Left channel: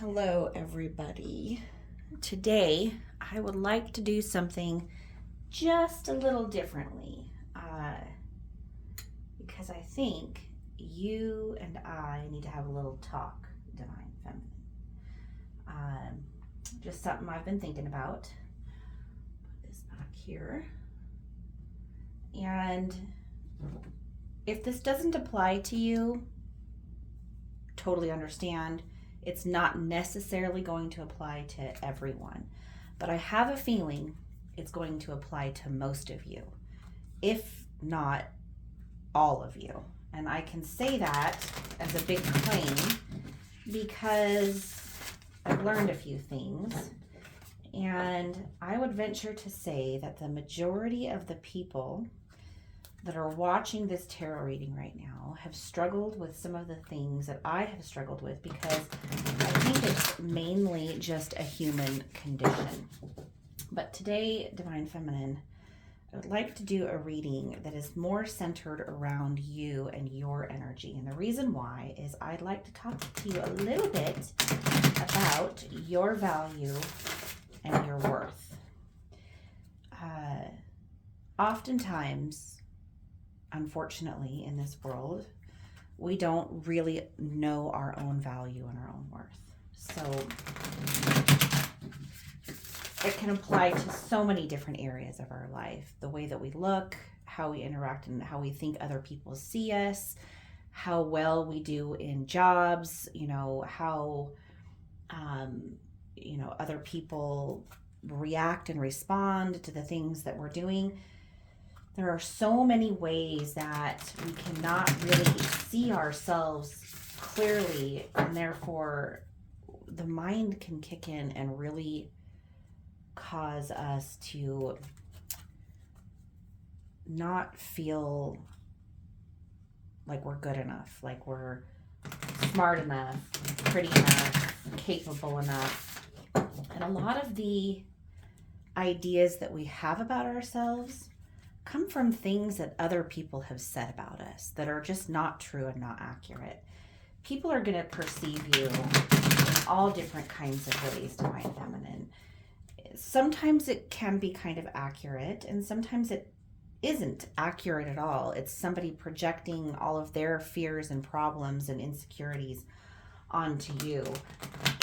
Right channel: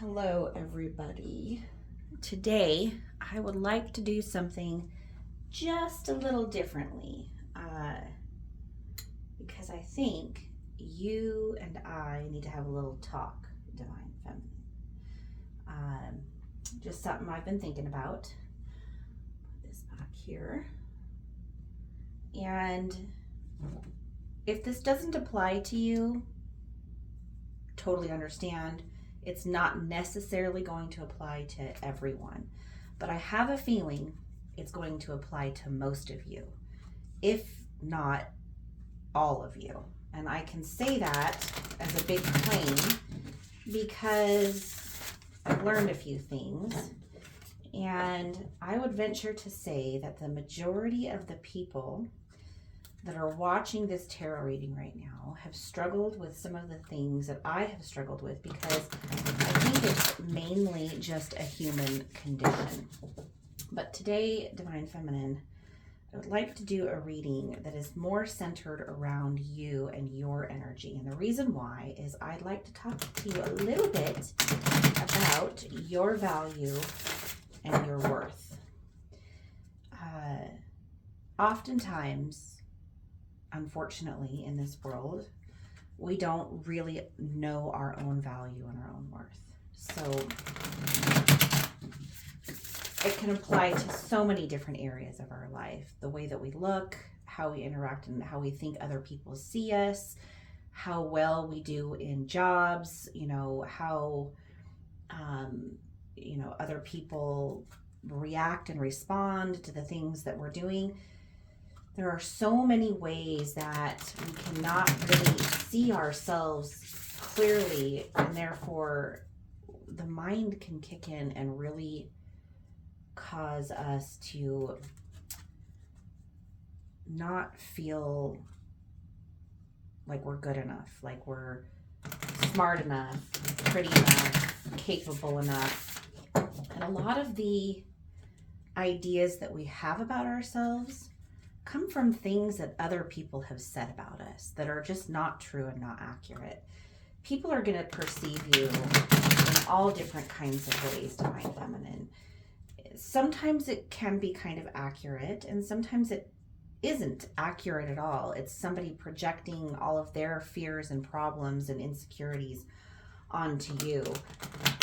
Hello, everybody. Today, I would like to do something just a little differently because I think you and I need to have a little talk, Divine Feminine. Um, just something I've been thinking about. Put this back here. And if this doesn't apply to you, totally understand. It's not necessarily going to apply to everyone, but I have a feeling it's going to apply to most of you, if not all of you. And I can say that as a big claim because I've learned a few things. And I would venture to say that the majority of the people that are watching this tarot reading right now have struggled with some of the things that I have struggled with because I think it's mainly just a human condition. But today, Divine Feminine, I would like to do a reading that is more centered around you and your energy. And the reason why is I'd like to talk to you a little bit about your value and your worth. Oftentimes, unfortunately, in this world, we don't really know our own value and our own worth. So it can apply to so many different areas of our life. The way that we look, how we interact, and how we think other people see us, how well we do in jobs, how other people react and respond to the things that we're doing. There are so many ways that we cannot really see ourselves clearly, and therefore the mind can kick in and really cause us to not feel like we're good enough, like we're smart enough, pretty enough, capable enough. And a lot of the ideas that we have about ourselves come from things that other people have said about us that are just not true and not accurate. People are going to perceive you in all different kinds of ways, Divine Feminine. Sometimes it can be kind of accurate, and sometimes it isn't accurate at all. It's somebody projecting all of their fears and problems and insecurities onto you.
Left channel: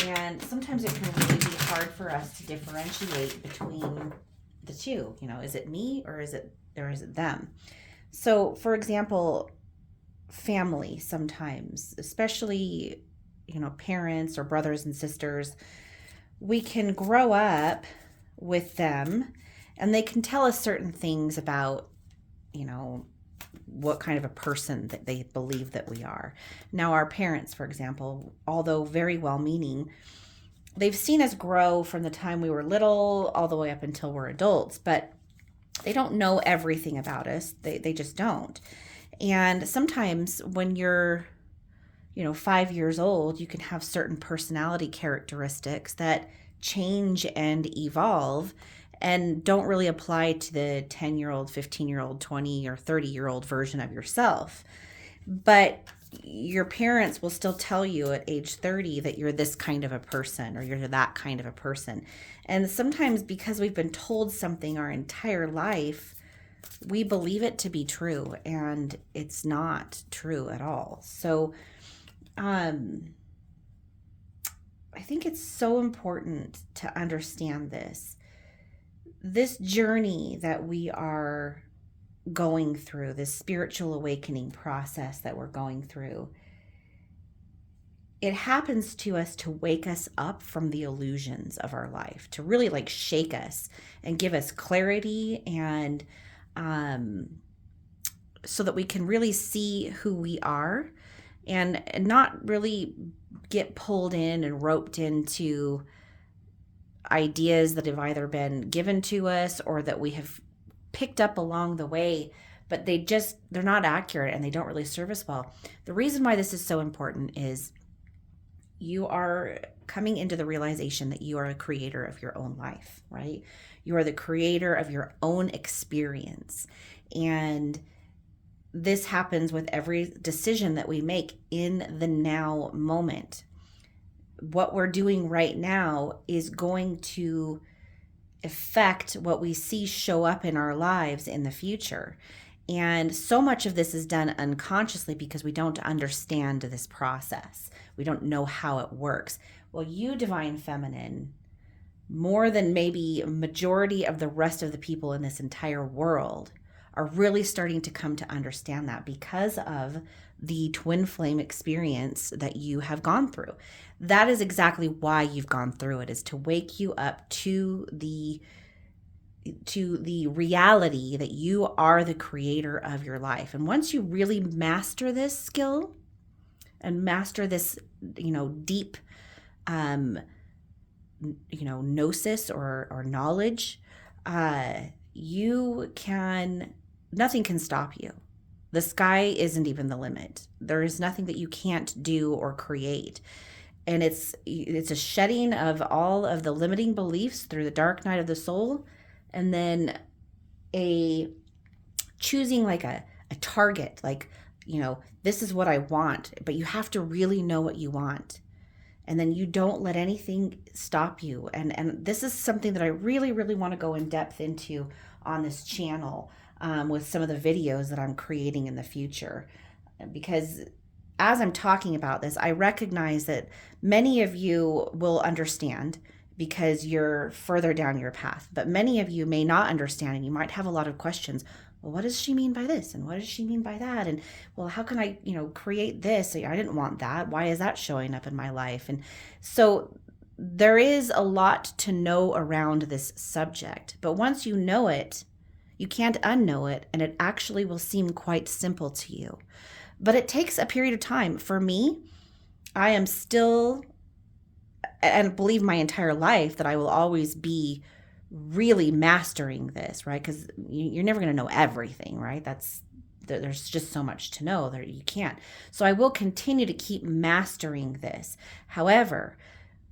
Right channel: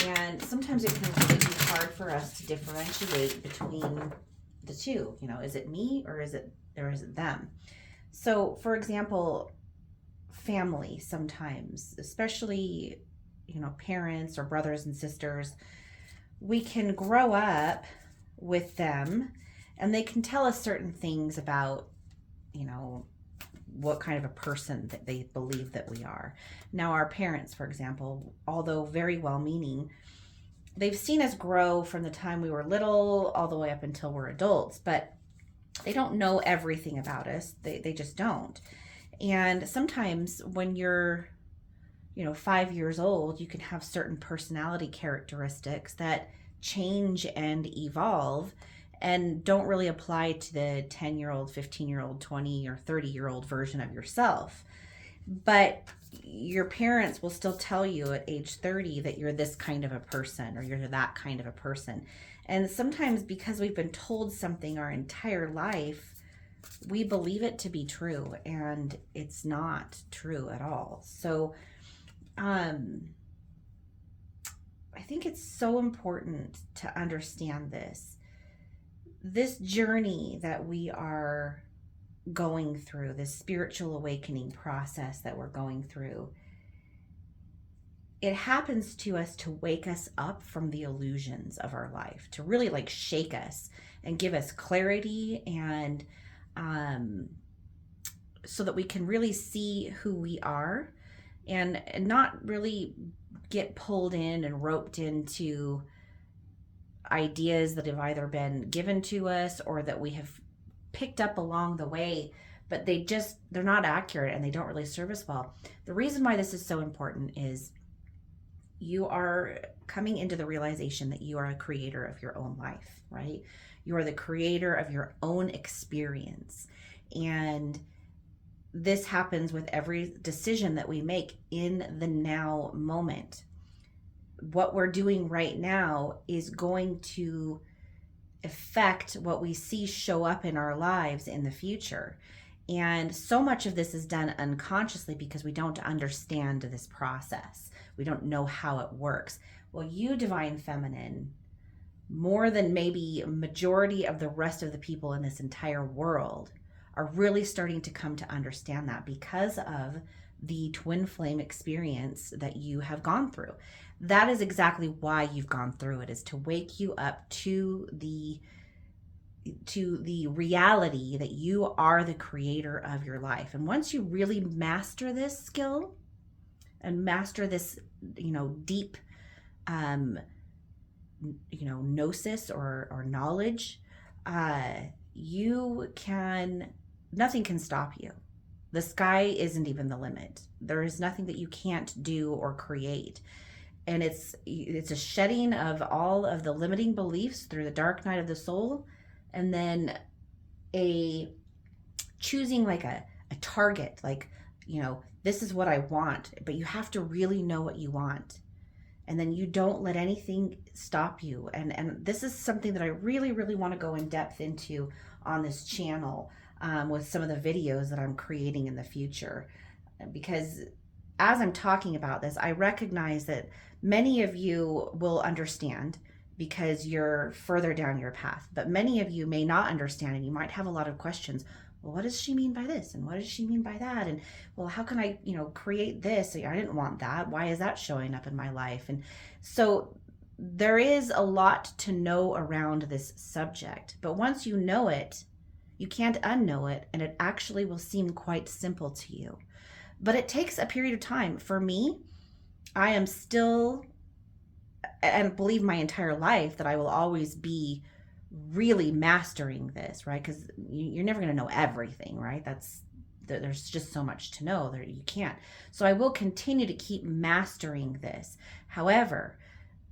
And sometimes it can really be hard for us to differentiate between the two. Is it me or is it them? So, for example, family sometimes, especially, parents or brothers and sisters, we can grow up with them and they can tell us certain things about, what kind of a person that they believe that we are. Now, our parents, for example, although very well meaning, they've seen us grow from the time we were little all the way up until we're adults, but they don't know everything about us. They just don't. And sometimes when you're 5 years old, you can have certain personality characteristics that change and evolve and don't really apply to the 10-year-old, 15-year-old, 20 or 30-year-old version of yourself. But your parents will still tell you at age 30 that you're this kind of a person or you're that kind of a person. And sometimes because we've been told something our entire life, we believe it to be true, and it's not true at all. So I think it's so important to understand this journey that we are going through, this spiritual awakening process that we're going through. It happens to us to wake us up from the illusions of our life, to really shake us and give us clarity, and so that we can really see who we are and not really get pulled in and roped into ideas that have either been given to us or that we have picked up along the way, but they're not accurate and they don't really serve us well. The reason why this is so important is you are coming into the realization that you are a creator of your own life, right? You are the creator of your own experience. And this happens with every decision that we make in the now moment. what we're doing right now is going to affect what we see show up in our lives in the future. And so much of this is done unconsciously because we don't understand this process. We don't know how it works. Well, you, Divine Feminine, more than maybe a majority of the rest of the people in this entire world, are really starting to come to understand that because of the twin flame experience that you have gone through. That is exactly why you've gone through it, is to wake you up to the reality that you are the creator of your life. And once you really master this skill and master this, deep, gnosis or knowledge, nothing can stop you. The sky isn't even the limit. There is nothing that you can't do or create. And it's a shedding of all of the limiting beliefs through the dark night of the soul, and then a choosing like a target, like, this is what I want, but you have to really know what you want. And then you don't let anything stop you. And this is something that I really, really want to go in depth into on this channel, with some of the videos that I'm creating in the future. Because as I'm talking about this, I recognize that many of you will understand because you're further down your path. But many of you may not understand, and you might have a lot of questions. Well, what does she mean by this? And what does she mean by that? And, well, how can I, create this? I didn't want that. Why is that showing up in my life? And so there is a lot to know around this subject. But once you know it, you can't unknow it, and it actually will seem quite simple to you. But it takes a period of time. For me, I am still, and believe my entire life that I will always be really mastering this, right? Because you're never going to know everything, right? There's just so much to know that you can't. So I will continue to keep mastering this. However,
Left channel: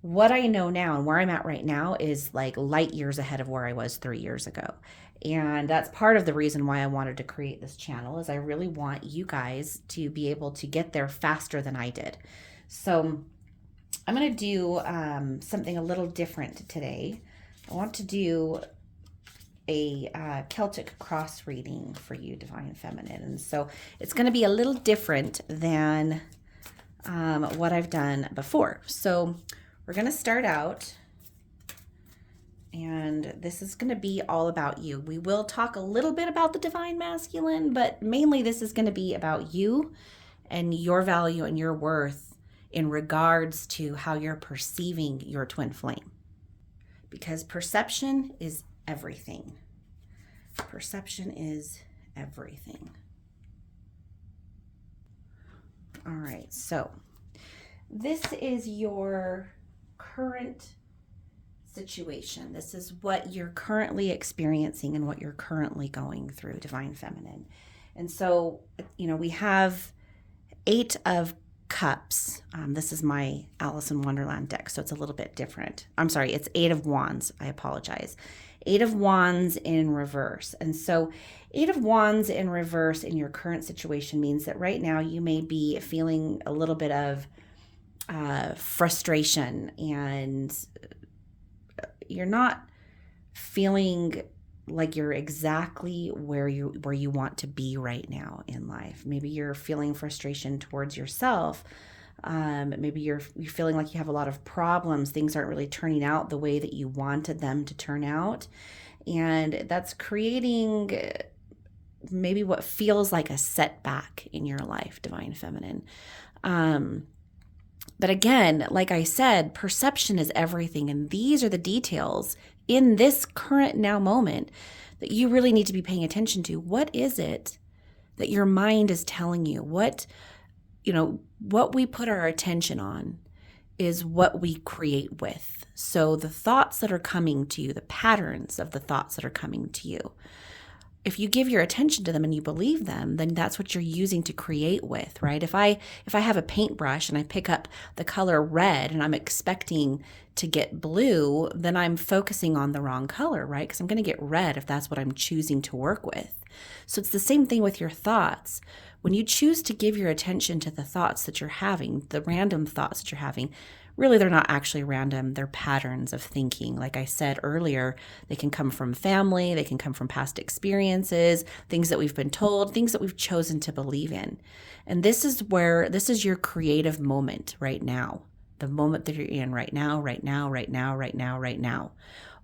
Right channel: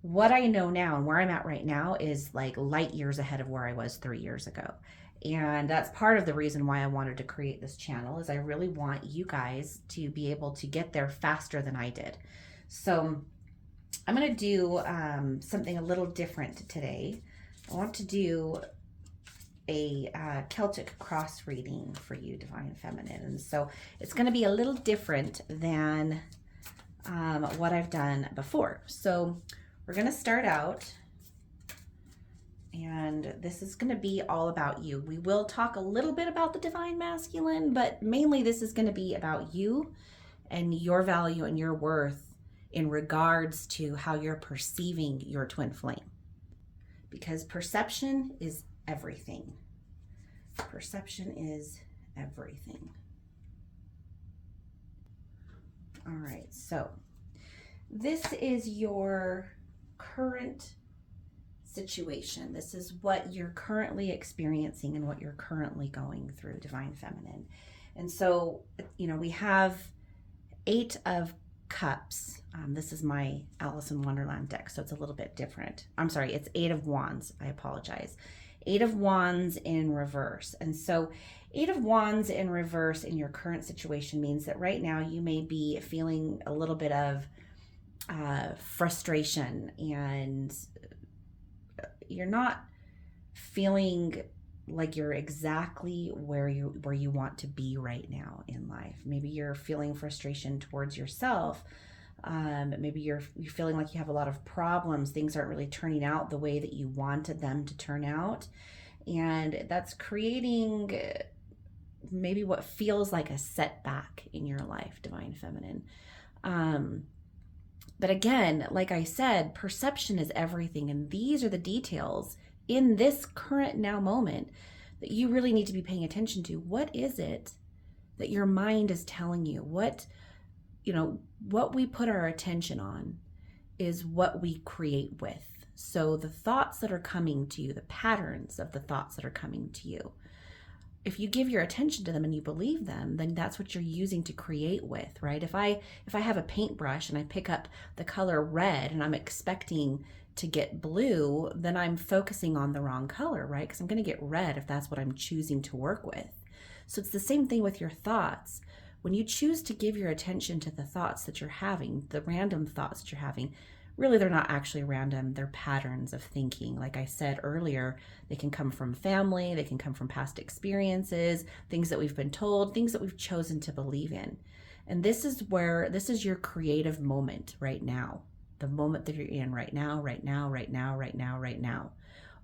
what I know now and where I'm at right now is like light years ahead of where I was 3 years ago. And that's part of the reason why I wanted to create this channel, is I really want you guys to be able to get there faster than I did. So I'm going to do something a little different today. I want to do a Celtic cross reading for you, Divine Feminine. And so it's going to be a little different than what I've done before. So we're going to start out, and this is going to be all about you. We will talk a little bit about the Divine Masculine, but mainly this is going to be about you and your value and your worth in regards to how you're perceiving your twin flame. Because perception is everything. Perception is everything. All right, so this is your current situation. This is what you're currently experiencing and what you're currently going through, Divine Feminine. And so, we have 8 of Cups. This is my Alice in Wonderland deck, so it's a little bit different. I'm sorry, it's 8 of Wands. I apologize. 8 of Wands in reverse. And so 8 of Wands in reverse in your current situation means that right now you may be feeling a little bit of frustration, and you're not feeling like you're exactly where you want to be right now in life. Maybe you're feeling frustration towards yourself. Maybe you're feeling like you have a lot of problems. Things aren't really turning out the way that you wanted them to turn out. And that's creating maybe what feels like a setback in your life, Divine Feminine. But again, like I said, perception is everything. And these are the details in this current now moment that you really need to be paying attention to. What is it that your mind is telling you? What we put our attention on is what we create with. So the thoughts that are coming to you, the patterns of the thoughts that are coming to you, if you give your attention to them and you believe them, then that's what you're using to create with, right? If I have a paintbrush and I pick up the color red and I'm expecting to get blue, then I'm focusing on the wrong color, right? Because I'm going to get red if that's what I'm choosing to work with. So it's the same thing with your thoughts. When you choose to give your attention to the thoughts that you're having, the random thoughts that you're having, really they're not actually random. They're patterns of thinking. Like I said earlier, they can come from family, they can come from past experiences, things that we've been told, things that we've chosen to believe in. And this is your creative moment right now. The moment that you're in right now, right now, right now, right now, right now,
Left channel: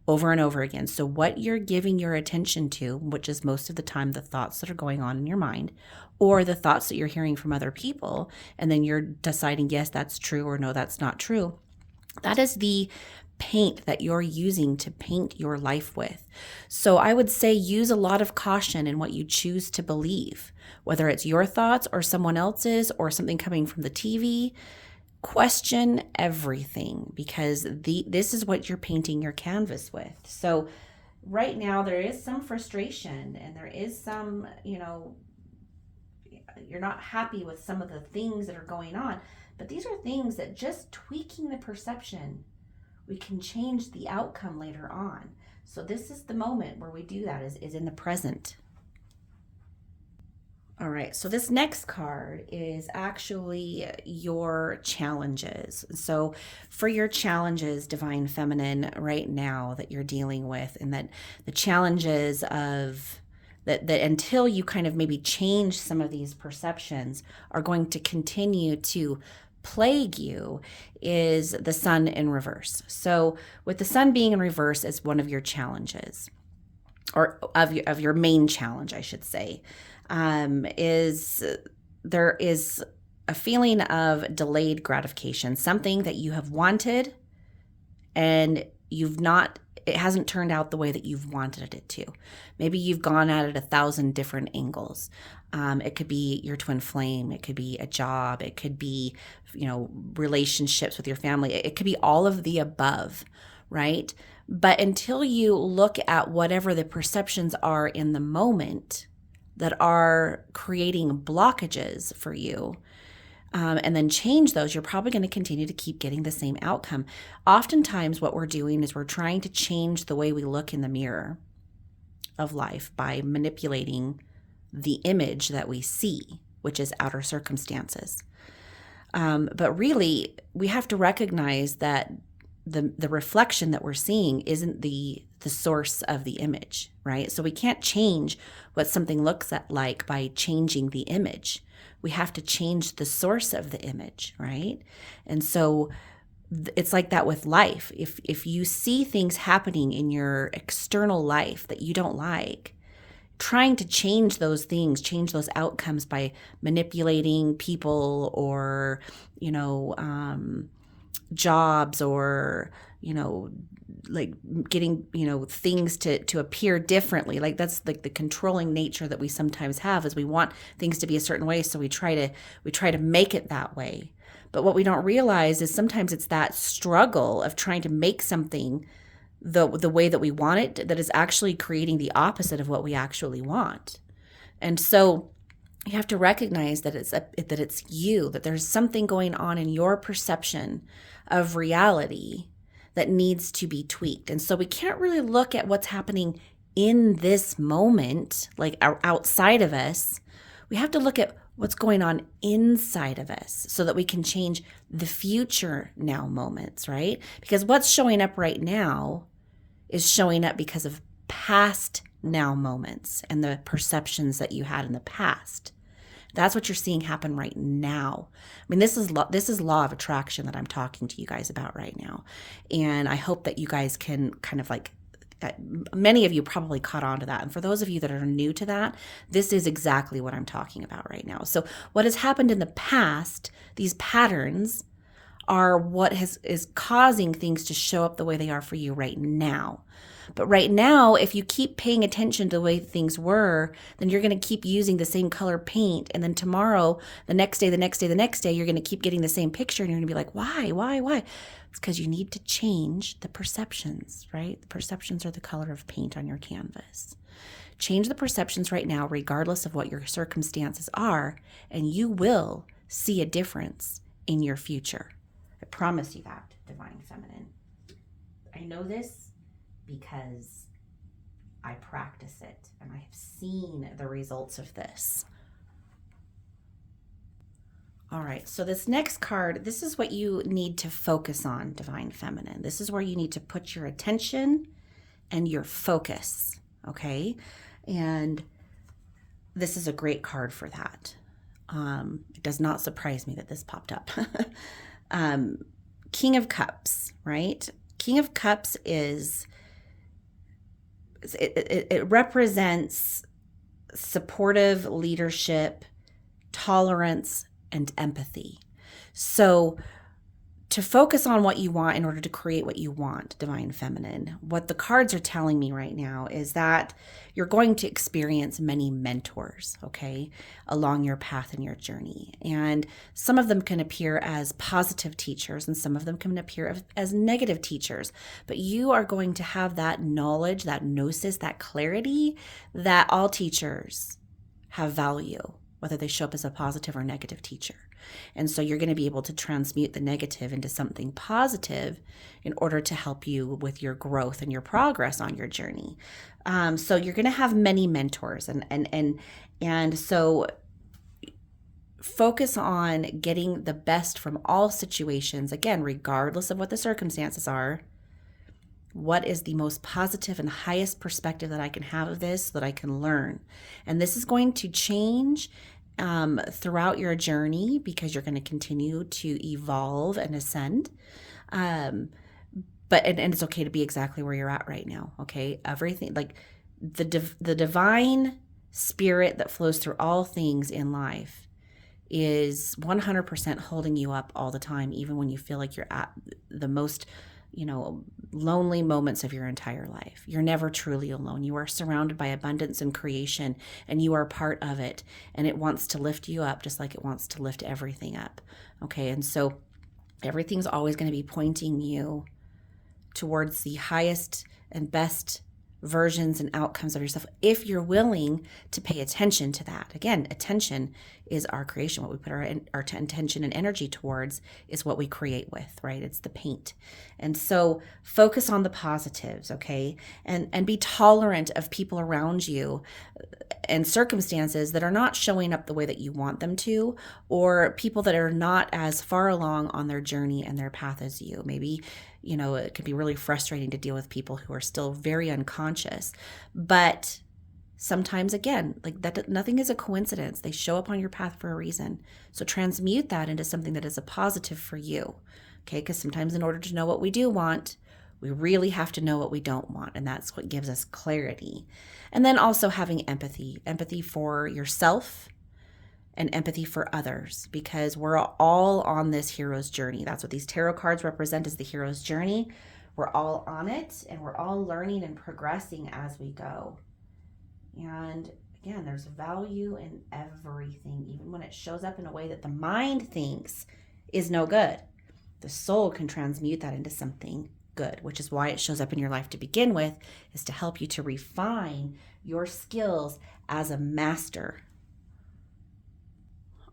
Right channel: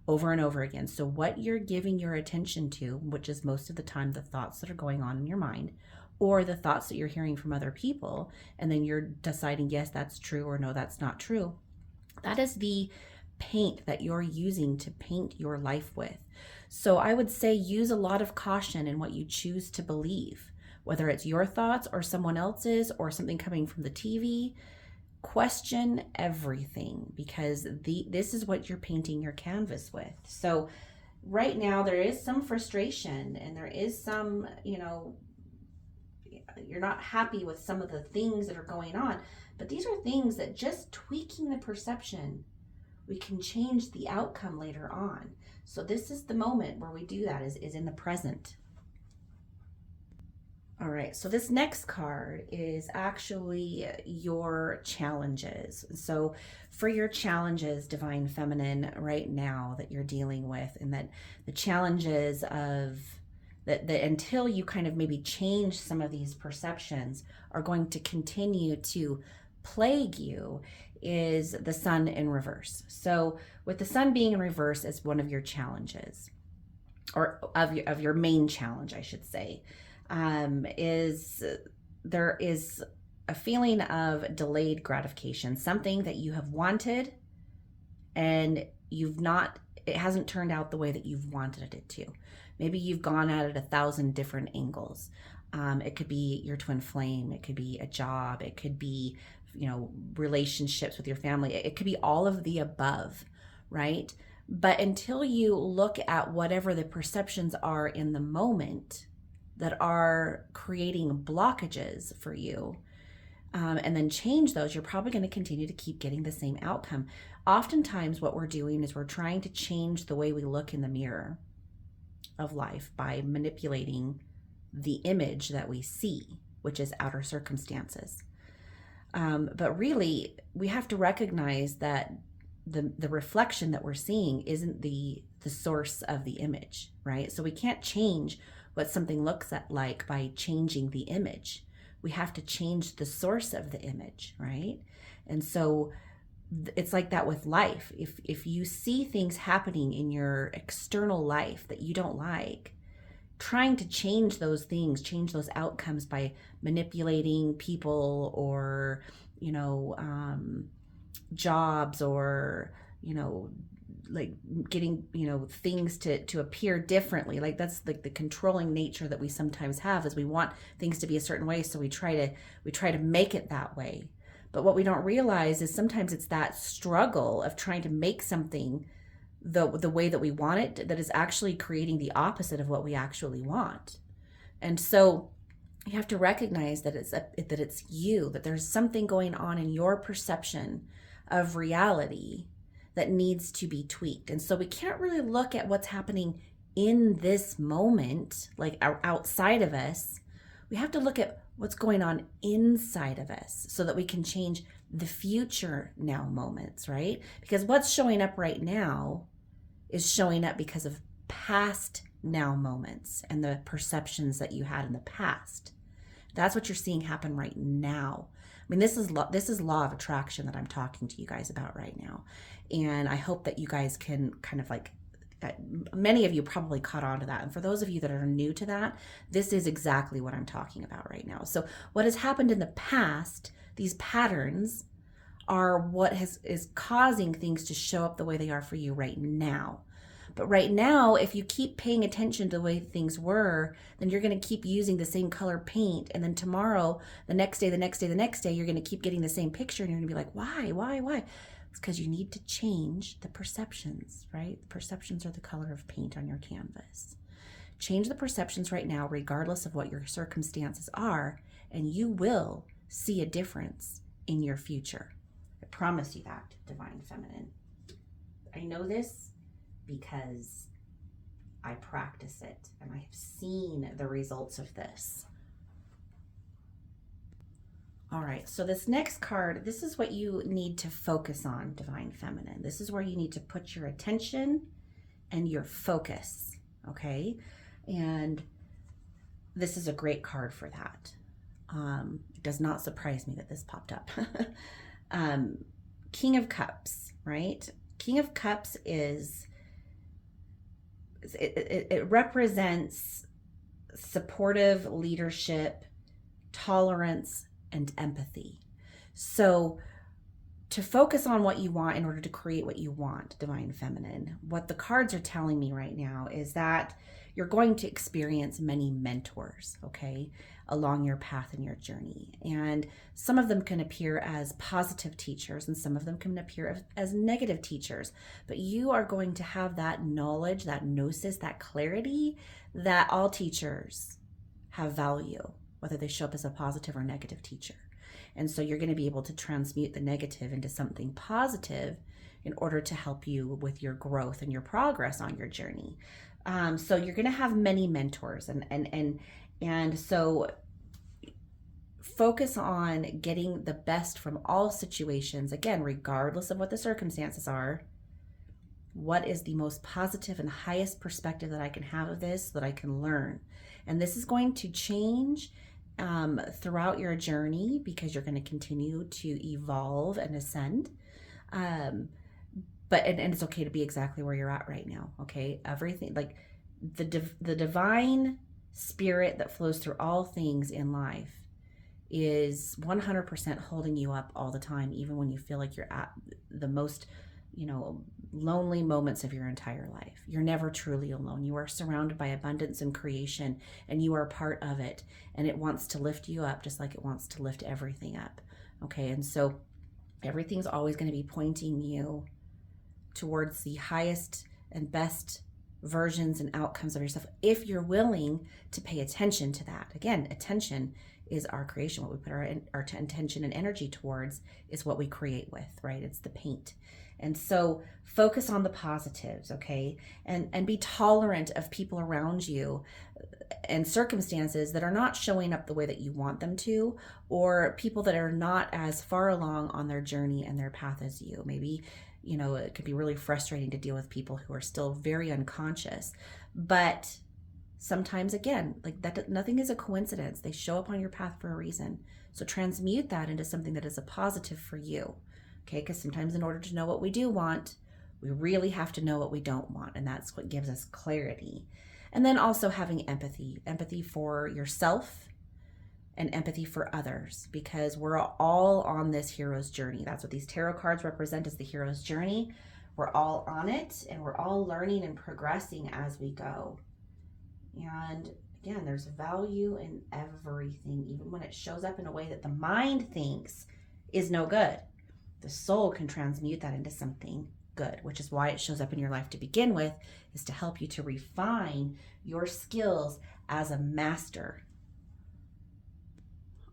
over and over again. So what you're giving your attention to, which is most of the time the thoughts that are going on in your mind, or the thoughts that you're hearing from other people, and then you're deciding, yes, that's true, or no, that's not true. That is the paint that you're using to paint your life with. So I would say use a lot of caution in what you choose to believe, whether it's your thoughts or someone else's or something coming from the TV. Question everything, because this is what you're painting your canvas with. So right now there is some frustration, and there is some, you're not happy with some of the things that are going on, but these are things that just tweaking the perception, we can change the outcome later on. So this is the moment where we do that, is in the present. All right, so this next card is actually your challenges. So for your challenges, Divine Feminine, right now that you're dealing with, and that the challenges of that until you kind of maybe change some of these perceptions are going to continue to plague you, is the Sun in reverse. So with the Sun being in reverse as one of your challenges, or of your main challenge, I should say, is there is a feeling of delayed gratification, something that you have wanted and it hasn't turned out the way that you've wanted it to. Maybe you've gone at it 1,000 different angles. It could be your twin flame, it could be a job, it could be, relationships with your family, it could be all of the above, right? But until you look at whatever the perceptions are in the moment that are creating blockages for you, and then change those, you're probably going to continue to keep getting the same outcome. Oftentimes what we're doing is we're trying to change the way we look in the mirror of life by manipulating the image that we see, which is outer circumstances. But really, we have to recognize that the reflection that we're seeing isn't the source of the image, right? So we can't change what something looks like by changing the image. We have to change the source of the image, right? And so it's like that with life. If you see things happening in your external life that you don't like, trying to change those things, change those outcomes by manipulating people or, jobs, or, like getting, things to appear differently. Like that's like the controlling nature that we sometimes have, is we want things to be a certain way. So we try to make it that way. But what we don't realize is sometimes it's that struggle of trying to make something the way that we want it that is actually creating the opposite of what we actually want. And so you have to recognize that it's you, that there's something going on in your perception of reality that needs to be tweaked. And so we can't really look at what's happening in this moment, like outside of us. We have to look at what's going on inside of us so that we can change the future now moments, right? Because what's showing up right now is showing up because of past now moments and the perceptions that you had in the past. That's what you're seeing happen right now. I mean, this is law of attraction that I'm talking to you guys about right now. And I hope that you guys can kind of like, many of you probably caught on to that. And for those of you that are new to that, this is exactly what I'm talking about right now. So what has happened in the past, these patterns are what is causing things to show up the way they are for you right now. But right now, if you keep paying attention to the way things were, then you're going to keep using the same color paint. And then tomorrow, the next day, you're going to keep getting the same picture. And you're going to be like, why? It's because you need to change the perceptions, right? The perceptions are the color of paint on your canvas. Change the perceptions right now, regardless of what your circumstances are, and you will see a difference in your future. I promise you that, Divine Feminine. I know this because I practice it and I have seen the results of this. All right, so this next card, this is what you need to focus on, Divine Feminine. This is where you need to put your attention and your focus, okay? And this is a great card for that. It does not surprise me that this popped up. King of Cups, right? King of Cups is, it represents supportive leadership, tolerance, and empathy. So to focus on what you want in order to create what you want, Divine Feminine, what the cards are telling me right now is that you're going to experience many mentors, okay, along your path and your journey. And some of them can appear as positive teachers and some of them can appear as negative teachers. But you are going to have that knowledge, that gnosis, that clarity that all teachers have value, whether they show up as a positive or negative teacher. And so you're going to be able to transmute the negative into something positive in order to help you with your growth and your progress on your journey. So you're going to have many mentors, and so focus on getting the best from all situations. Again, regardless of what the circumstances are, what is the most positive and highest perspective that I can have of this so that I can learn? And this is going to change throughout your journey because you're going to continue to evolve and ascend. But it's okay to be exactly where you're at right now. Okay, everything, like the divine spirit that flows through all things in life is 100% holding you up all the time, even when you feel like you're at the most, lonely moments of your entire life. You're never truly alone. You are surrounded by abundance and creation, and you are part of it. And it wants to lift you up just like it wants to lift everything up. Okay, and so everything's always going to be pointing you towards the highest and best versions and outcomes of yourself if you're willing to pay attention to that. Again, attention is our creation. What we put our attention and energy towards is what we create with, right? It's the paint. And so focus on the positives, okay? And be tolerant of people around you and circumstances that are not showing up the way that you want them to, or people that are not as far along on their journey and their path as you. Maybe it can be really frustrating to deal with people who are still very unconscious. But sometimes, again, like that, nothing is a coincidence. They show up on your path for a reason. So transmute that into something that is a positive for you. Okay, because sometimes in order to know what we do want, we really have to know what we don't want. And that's what gives us clarity. And then also having empathy for yourself and empathy for others, because we're all on this hero's journey. That's what these tarot cards represent, is the hero's journey. We're all on it, and we're all learning and progressing as we go. And again, there's value in everything, even when it shows up in a way that the mind thinks is no good. The soul can transmute that into something good, which is why it shows up in your life to begin with, is to help you to refine your skills as a master.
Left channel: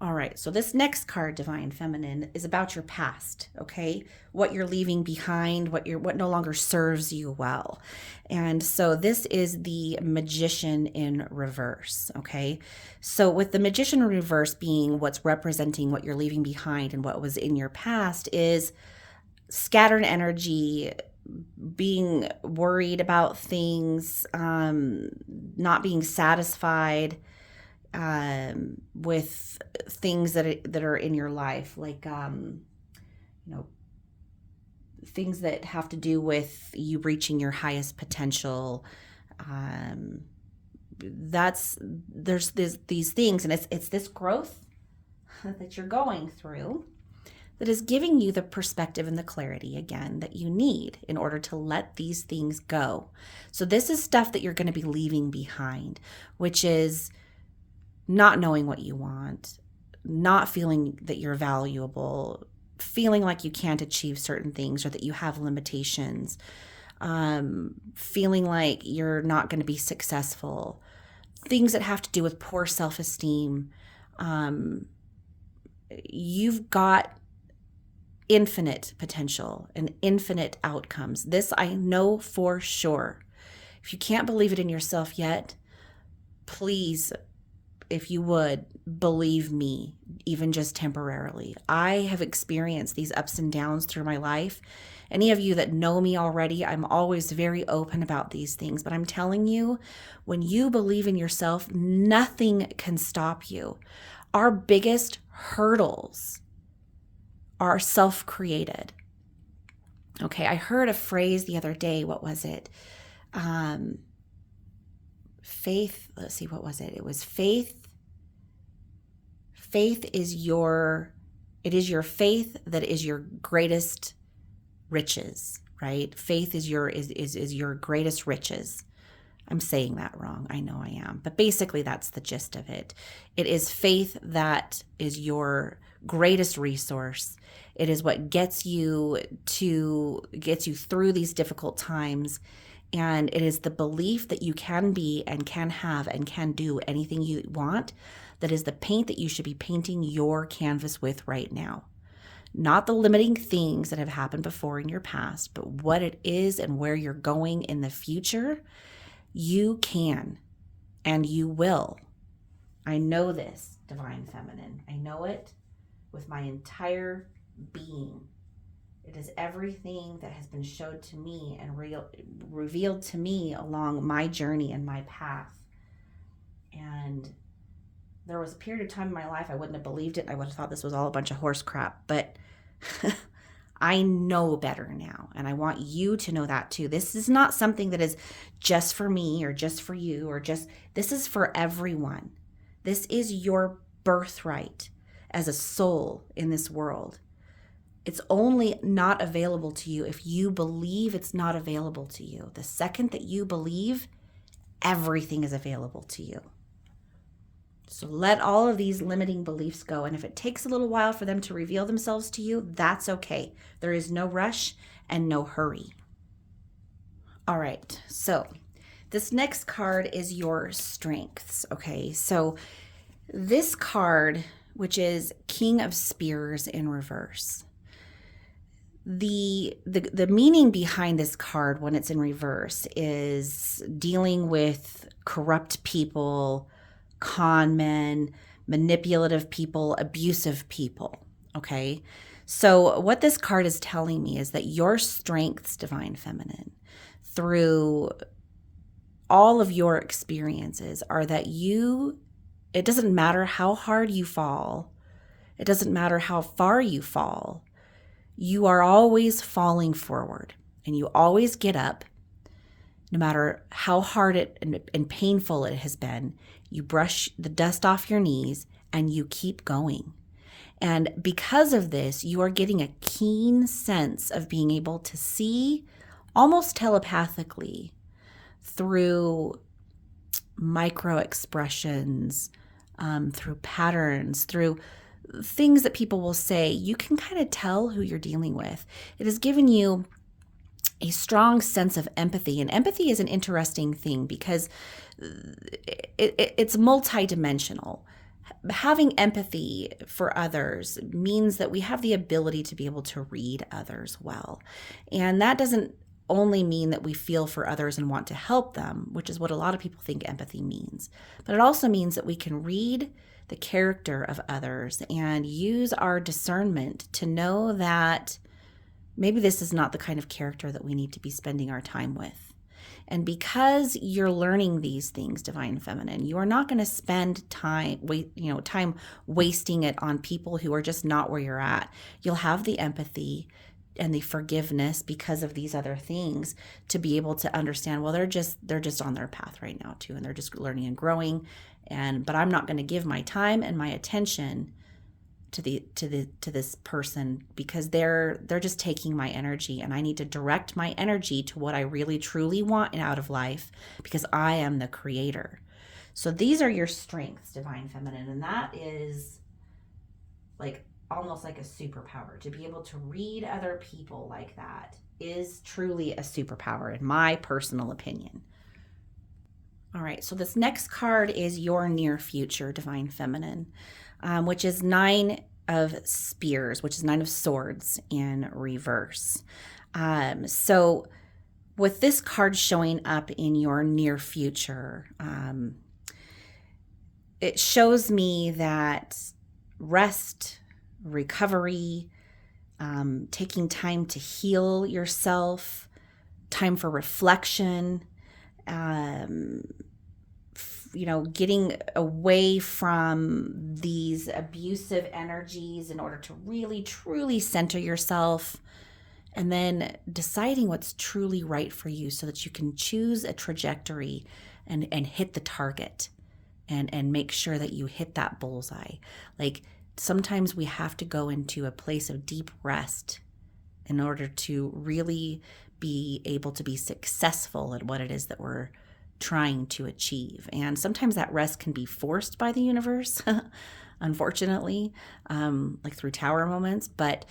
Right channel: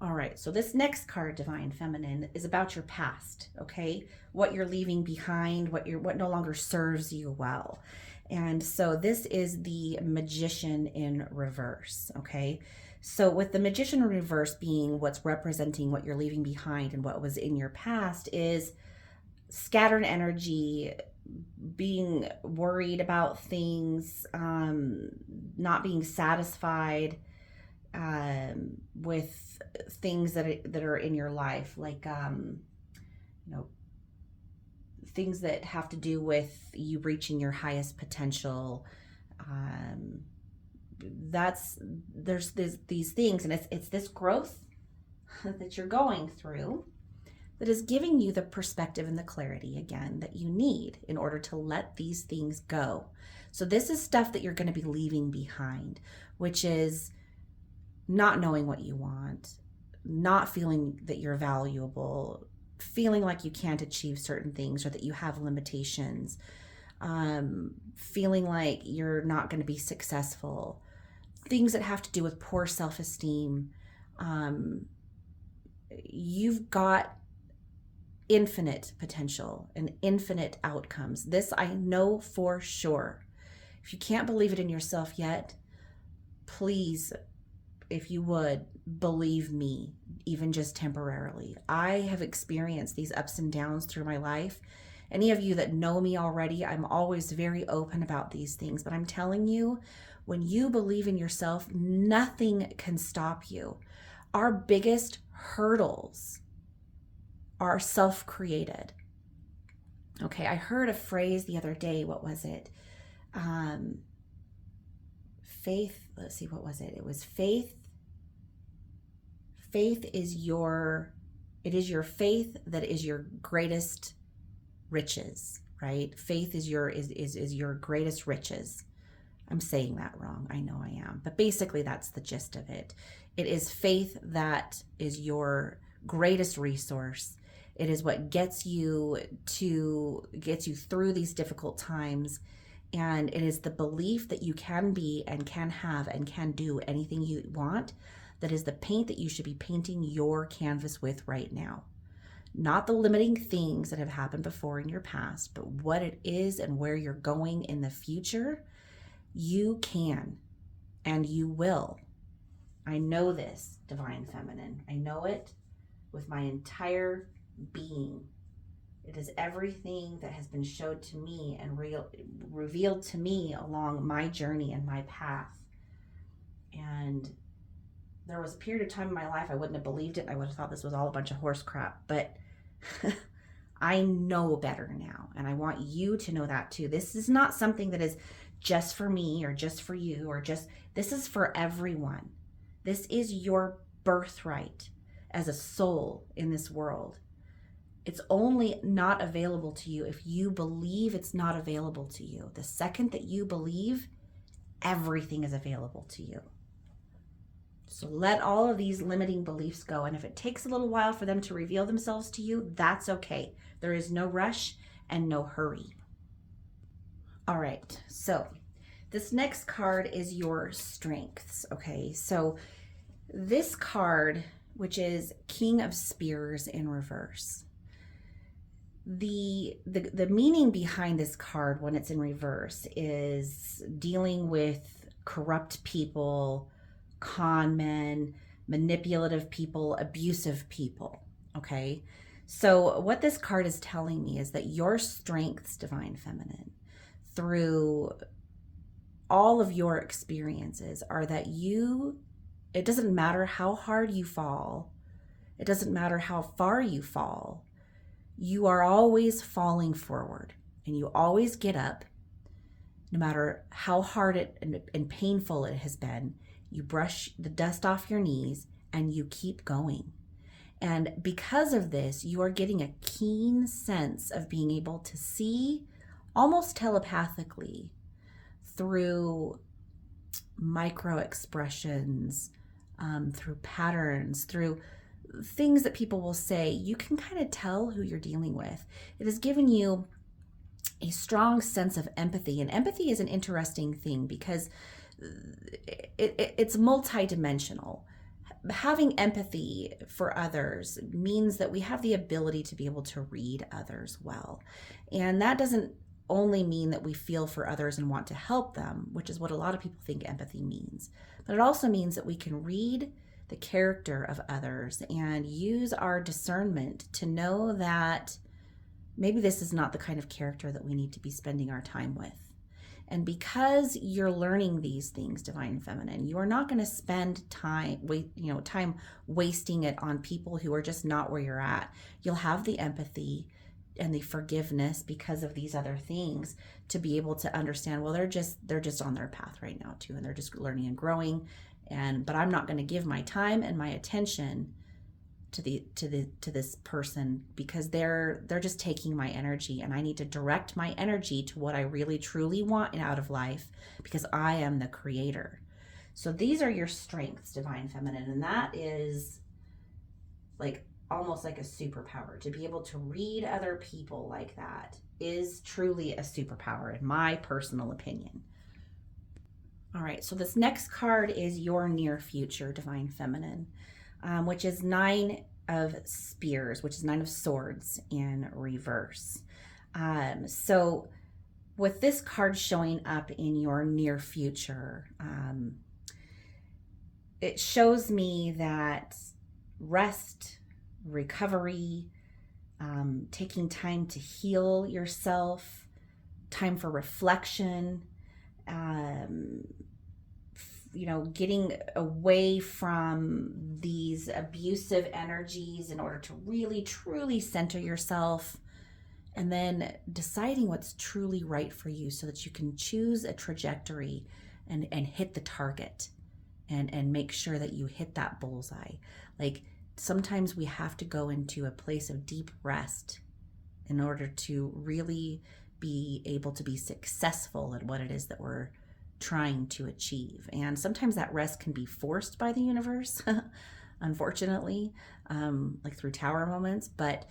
All right, so this next card, Divine Feminine, is about your past, okay? What you're leaving behind, what no longer serves you well. And so this is the Magician in reverse, okay? So with the Magician in reverse being what's representing what you're leaving behind and what was in your past is scattered energy, being worried about things, not being satisfied, with things that are in your life, like things that have to do with you reaching your highest potential. There's these things, and it's this growth that you're going through that is giving you the perspective and the clarity, again, that you need in order to let these things go. So this is stuff that you're going to be leaving behind, which is not knowing what you want, not feeling that you're valuable, feeling like you can't achieve certain things or that you have limitations, feeling like you're not going to be successful, things that have to do with poor self-esteem. You've got infinite potential and infinite outcomes. This I know for sure. If you can't believe it in yourself yet, please if you would believe me, even just temporarily. I have experienced these ups and downs through my life. Any of you that know me already, I'm always very open about these things. But I'm telling you, when you believe in yourself, nothing can stop you. Our biggest hurdles are self-created. Okay, I heard a phrase the other day. What was it? Faith, let's see, what was it? It was faith. Faith is your faith that is your greatest riches, right? Faith is your greatest riches. I'm saying that wrong. I know I am. But basically that's the gist of it. It is faith that is your greatest resource. It is what gets you through these difficult times. And it is the belief that you can be and can have and can do anything you want. That is the paint that you should be painting your canvas with right now. Not the limiting things that have happened before in your past, but what it is and where you're going in the future. You can and you will. I know this, Divine Feminine. I know it with my entire being. It is everything that has been showed to me and revealed to me along my journey and my path. And there was a period of time in my life I wouldn't have believed it. I would have thought this was all a bunch of horse crap. But I know better now. And I want you to know that too. This is not something that is just for me or just for you or just, this is for everyone. This is your birthright as a soul in this world. It's only not available to you if you believe it's not available to you. The second that you believe, everything is available to you. So let all of these limiting beliefs go. And if it takes a little while for them to reveal themselves to you, that's okay. There is no rush and no hurry. All right, so this next card is your strengths, okay? So this card, which is King of Spears in reverse, the meaning behind this card when it's in reverse is dealing with corrupt people, con men, manipulative people, abusive people, okay? So what this card is telling me is that your strengths, Divine Feminine, through all of your experiences are that it doesn't matter how hard you fall, it doesn't matter how far you fall, you are always falling forward and you always get up, no matter how hard and painful it has been. You brush the dust off your knees and you keep going. And because of this, you are getting a keen sense of being able to see almost telepathically through micro expressions, through patterns, through things that people will say. You can kind of tell who you're dealing with. It has given you a strong sense of empathy. And empathy is an interesting thing because it's multidimensional. Having empathy for others means that we have the ability to be able to read others well. And that doesn't only mean that we feel for others and want to help them, which is what a lot of people think empathy means. But it also means that we can read the character of others and use our discernment to know that maybe this is not the kind of character that we need to be spending our time with. And because you're learning these things, Divine Feminine, you are not going to spend time wasting it on people who are just not where you're at. You'll have the empathy and the forgiveness because of these other things to be able to understand, well, they're just on their path right now too, and they're just learning and growing. But I'm not going to give my time and my attention to this person because they're just taking my energy, and I need to direct my energy to what I really truly want out of life because I am the creator. So these are your strengths, Divine Feminine, and that is like almost like a superpower. To be able to read other people like that is truly a superpower in my personal opinion. All right, so this next card is your near future, Divine Feminine, which is 9 of Spears, which is 9 of Swords in reverse. So with this card showing up in your near future, it shows me that rest, recovery, taking time to heal yourself, time for reflection, um, getting away from these abusive energies in order to really, truly center yourself, and then deciding what's truly right for you so that you can choose a trajectory and hit the target and make sure that you hit that bullseye. Like, sometimes we have to go into a place of deep rest in order to really be able to be successful at what it is that we're trying to achieve. And sometimes that rest can be forced by the universe, unfortunately, like through tower moments. But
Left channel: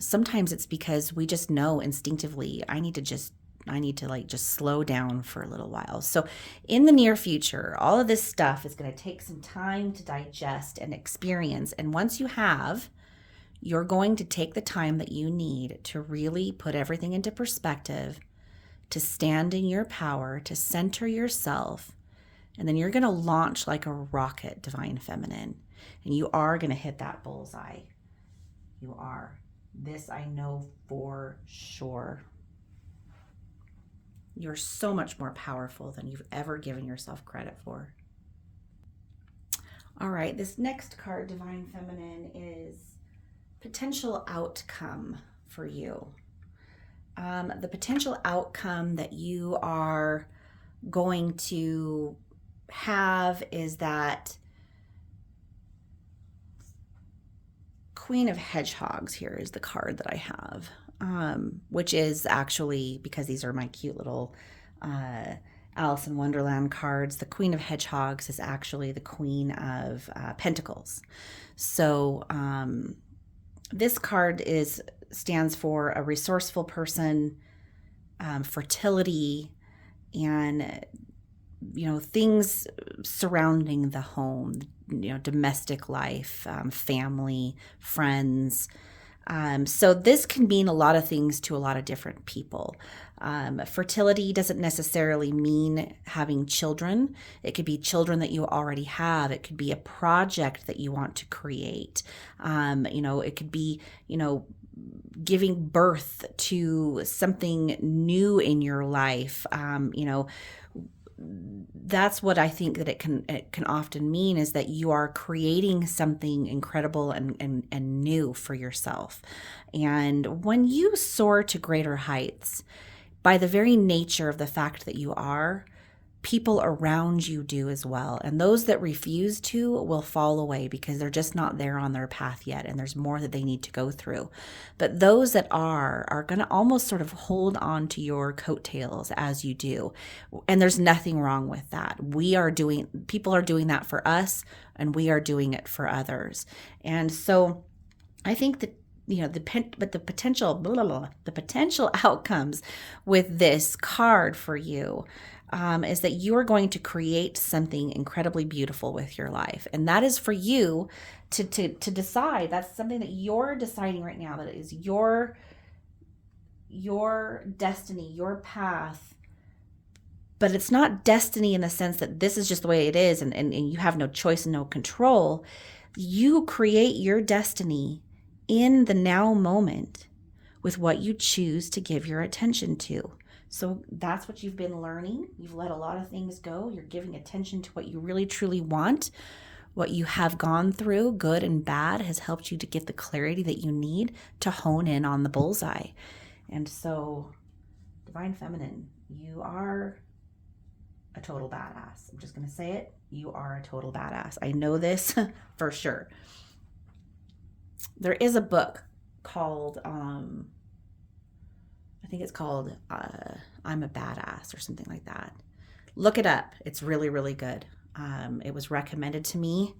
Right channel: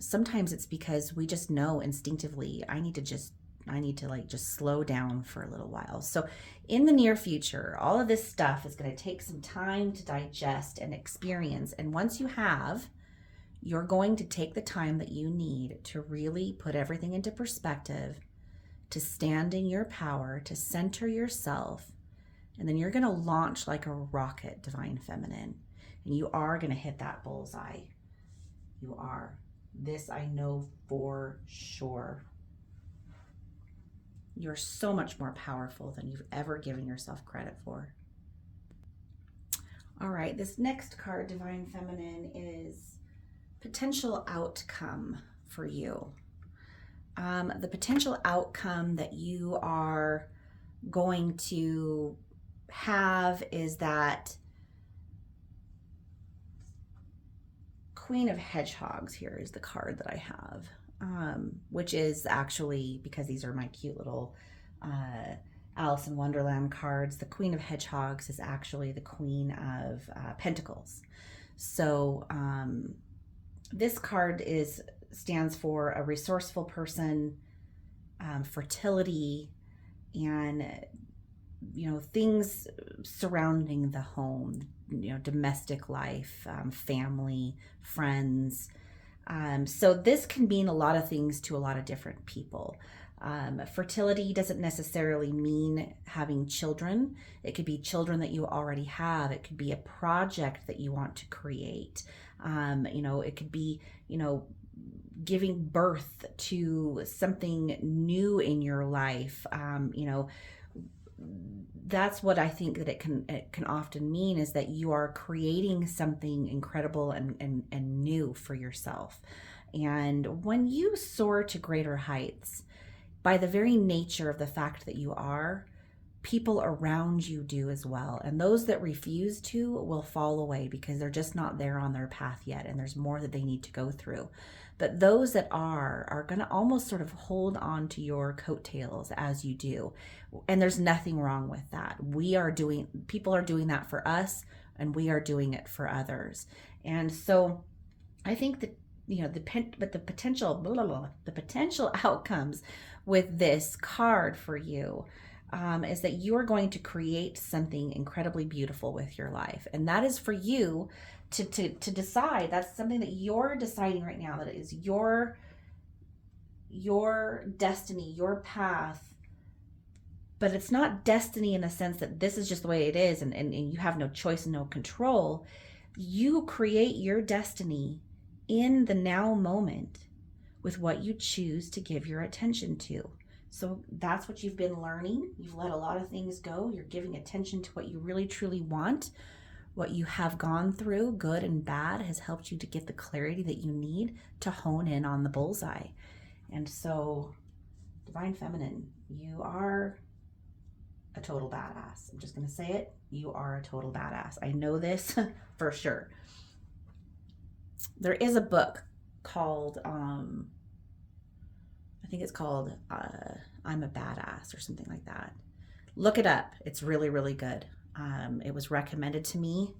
sometimes it's because we just know instinctively, I need to just slow down for a little while. So in the near future, all of this stuff is going to take some time to digest and experience. And once you have, you're going to take the time that you need to really put everything into perspective, to stand in your power, to center yourself. And then you're going to launch like a rocket, Divine Feminine. And you are going to hit that bullseye. You are. This I know for sure. You're so much more powerful than you've ever given yourself credit for. All right, this next card, Divine Feminine, is potential outcome for you. The potential outcome that you are going to have is that Queen of Hedgehogs. Here is the card that I have, which is actually, because these are my cute little Alice in Wonderland cards, the Queen of Hedgehogs is actually the Queen of Pentacles. So this card stands for a resourceful person, fertility, and things surrounding the home, domestic life, family, friends. So this can mean a lot of things to a lot of different people. Fertility doesn't necessarily mean having children. It could be children that you already have. It could be a project that you want to create. It could be, giving birth to something new in your life. That's what I think that it can often mean, is that you are creating something incredible and new for yourself. And when you soar to greater heights, by the very nature of the fact that you are, people around you do as well. And those that refuse to will fall away because they're just not there on their path yet, and there's more that they need to go through. But those that are going to almost sort of hold on to your coattails as you do. And there's nothing wrong with that. People are doing that for us, and we are doing it for others. And so I think that the potential outcomes with this card for you is that you are going to create something incredibly beautiful with your life. And that is for you to decide. That's something that you're deciding right now, that is your destiny, your path. But it's not destiny in the sense that this is just the way it is and you have no choice and no control. You create your destiny in the now moment with what you choose to give your attention to. So that's what you've been learning. You've let a lot of things go. You're giving attention to what you really truly want. What you have gone through, good and bad, has helped you to get the clarity that you need to hone in on the bullseye. And so, Divine Feminine, you are a total badass. I'm just going to say it. You are a total badass. I know this for sure. There is a book called, I think it's called I'm a Badass or something like that. Look it up. It's really, really good. It was recommended to me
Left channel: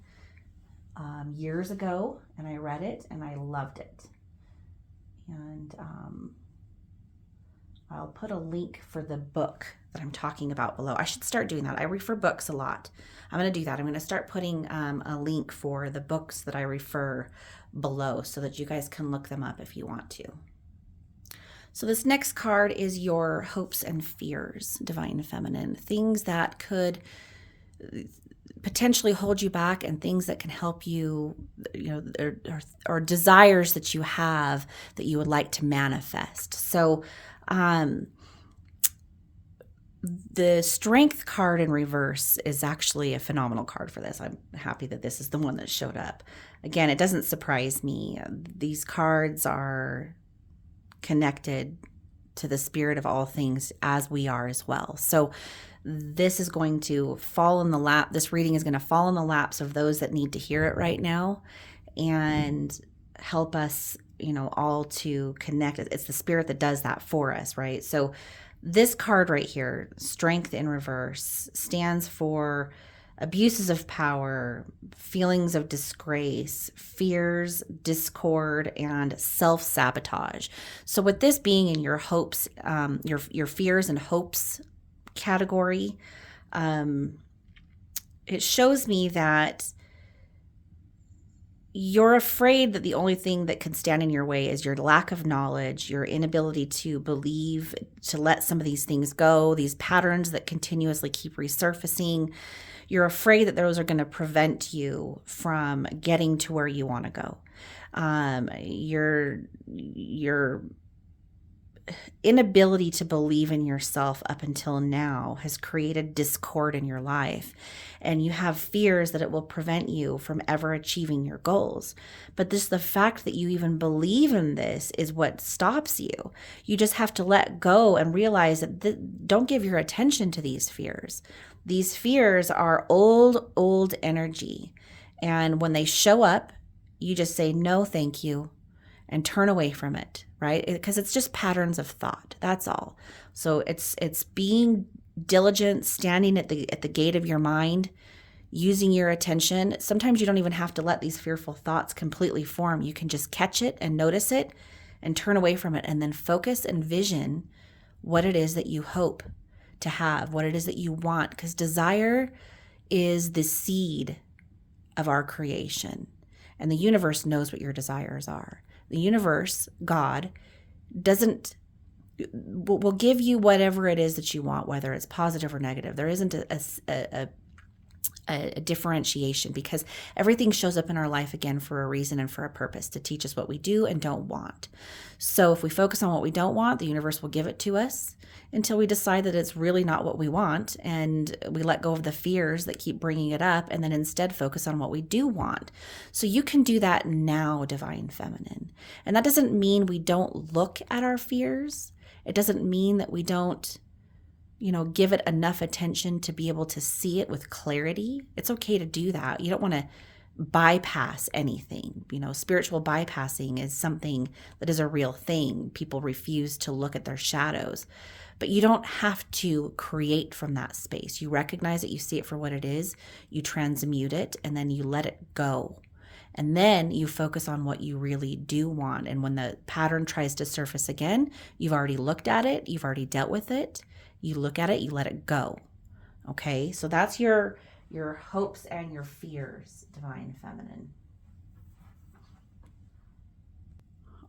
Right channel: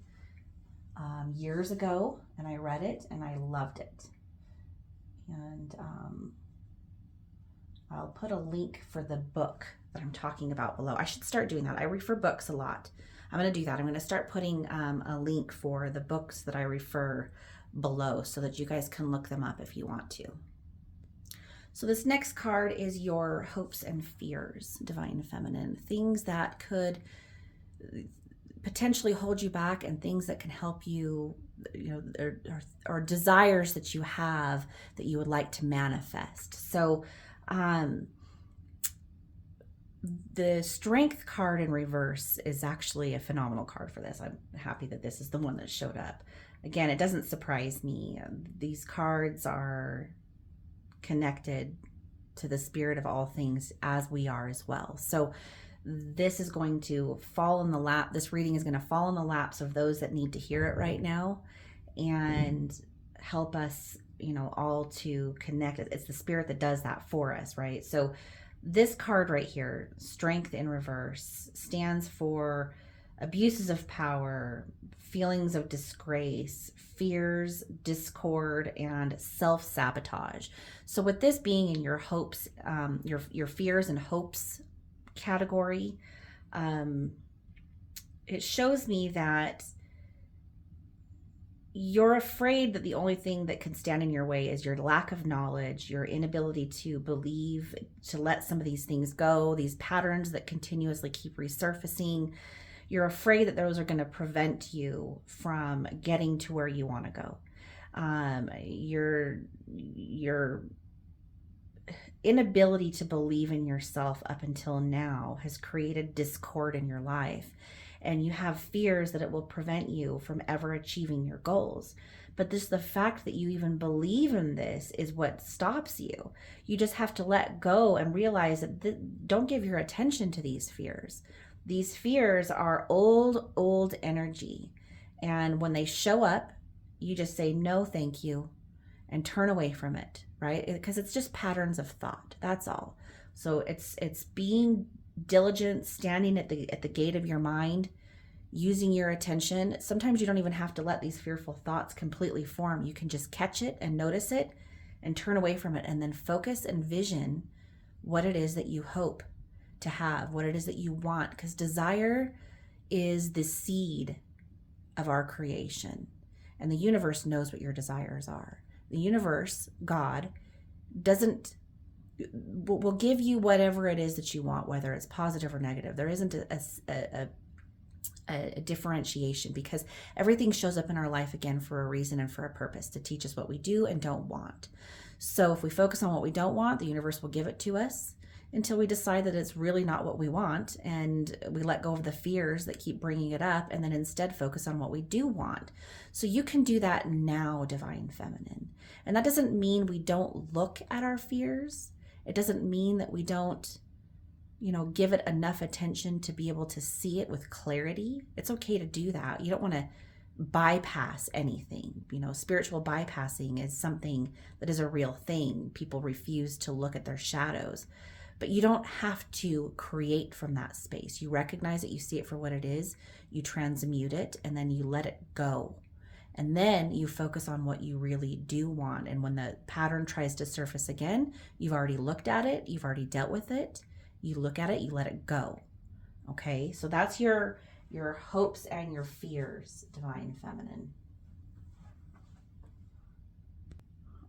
years ago, and I read it and I loved it. And I'll put a link for the book that I'm talking about below. I should start doing that. I refer books a lot. I'm going to do that. I'm going to start putting a link for the books that I refer below so that you guys can look them up if you want to. So this next card is your hopes and fears, Divine Feminine. Things that could potentially hold you back, and things that can help you, or desires that you have that you would like to manifest. So the Strength card in reverse is actually a phenomenal card for this. I'm happy that this is the one that showed up. Again, it doesn't surprise me. These cards are connected to the spirit of all things, as we are as well. So this is going to fall in the lap. This reading is going to fall in the laps of those that need to hear it right now and help us, all to connect. It's the spirit that does that for us, right? So this card right here, Strength in reverse, stands for abuses of power, feelings of disgrace, fears, discord, and self-sabotage. So with this being in your hopes, your fears and hopes category, it shows me that you're afraid that the only thing that can stand in your way is your lack of knowledge, your inability to believe, to let some of these things go, these patterns that continuously keep resurfacing. You're afraid that those are going to prevent you from getting to where you want to go. Your inability to believe in yourself up until now has created discord in your life, and you have fears that it will prevent you from ever achieving your goals. But the fact that you even believe in this is what stops you. You just have to let go and realize that don't give your attention to these fears. These fears are old energy, and when they show up, you just say no thank you and turn away from it, right? Because it's just patterns of thought. That's all. So it's being diligent, standing at the gate of your mind, using your attention. Sometimes you don't even have to let these fearful thoughts completely form. You can just catch it and notice it and turn away from it, and then focus and vision what it is that you hope to have, what it is that you want, because desire is the seed of our creation, and the universe knows what your desires are. The universe, God, will give you whatever it is that you want, whether it's positive or negative. There isn't a differentiation, because everything shows up in our life again for a reason and for a purpose, to teach us what we do and don't want. So if we focus on what we don't want, the universe will give it to us until we decide that it's really not what we want, and we let go of the fears that keep bringing it up, and then instead focus on what we do want. So you can do that now, Divine Feminine. And that doesn't mean we don't look at our fears. It doesn't mean that we don't, give it enough attention to be able to see it with clarity. It's okay to do that. You don't want to bypass anything. Spiritual bypassing is something that is a real thing. People refuse to look at their shadows. But you don't have to create from that space. You recognize it, you see it for what it is, you transmute it, and then you let it go. And then you focus on what you really do want. And when the pattern tries to surface again, you've already looked at it, you've already dealt with it. You look at it, you let it go. Okay, so that's your hopes and your fears, Divine Feminine.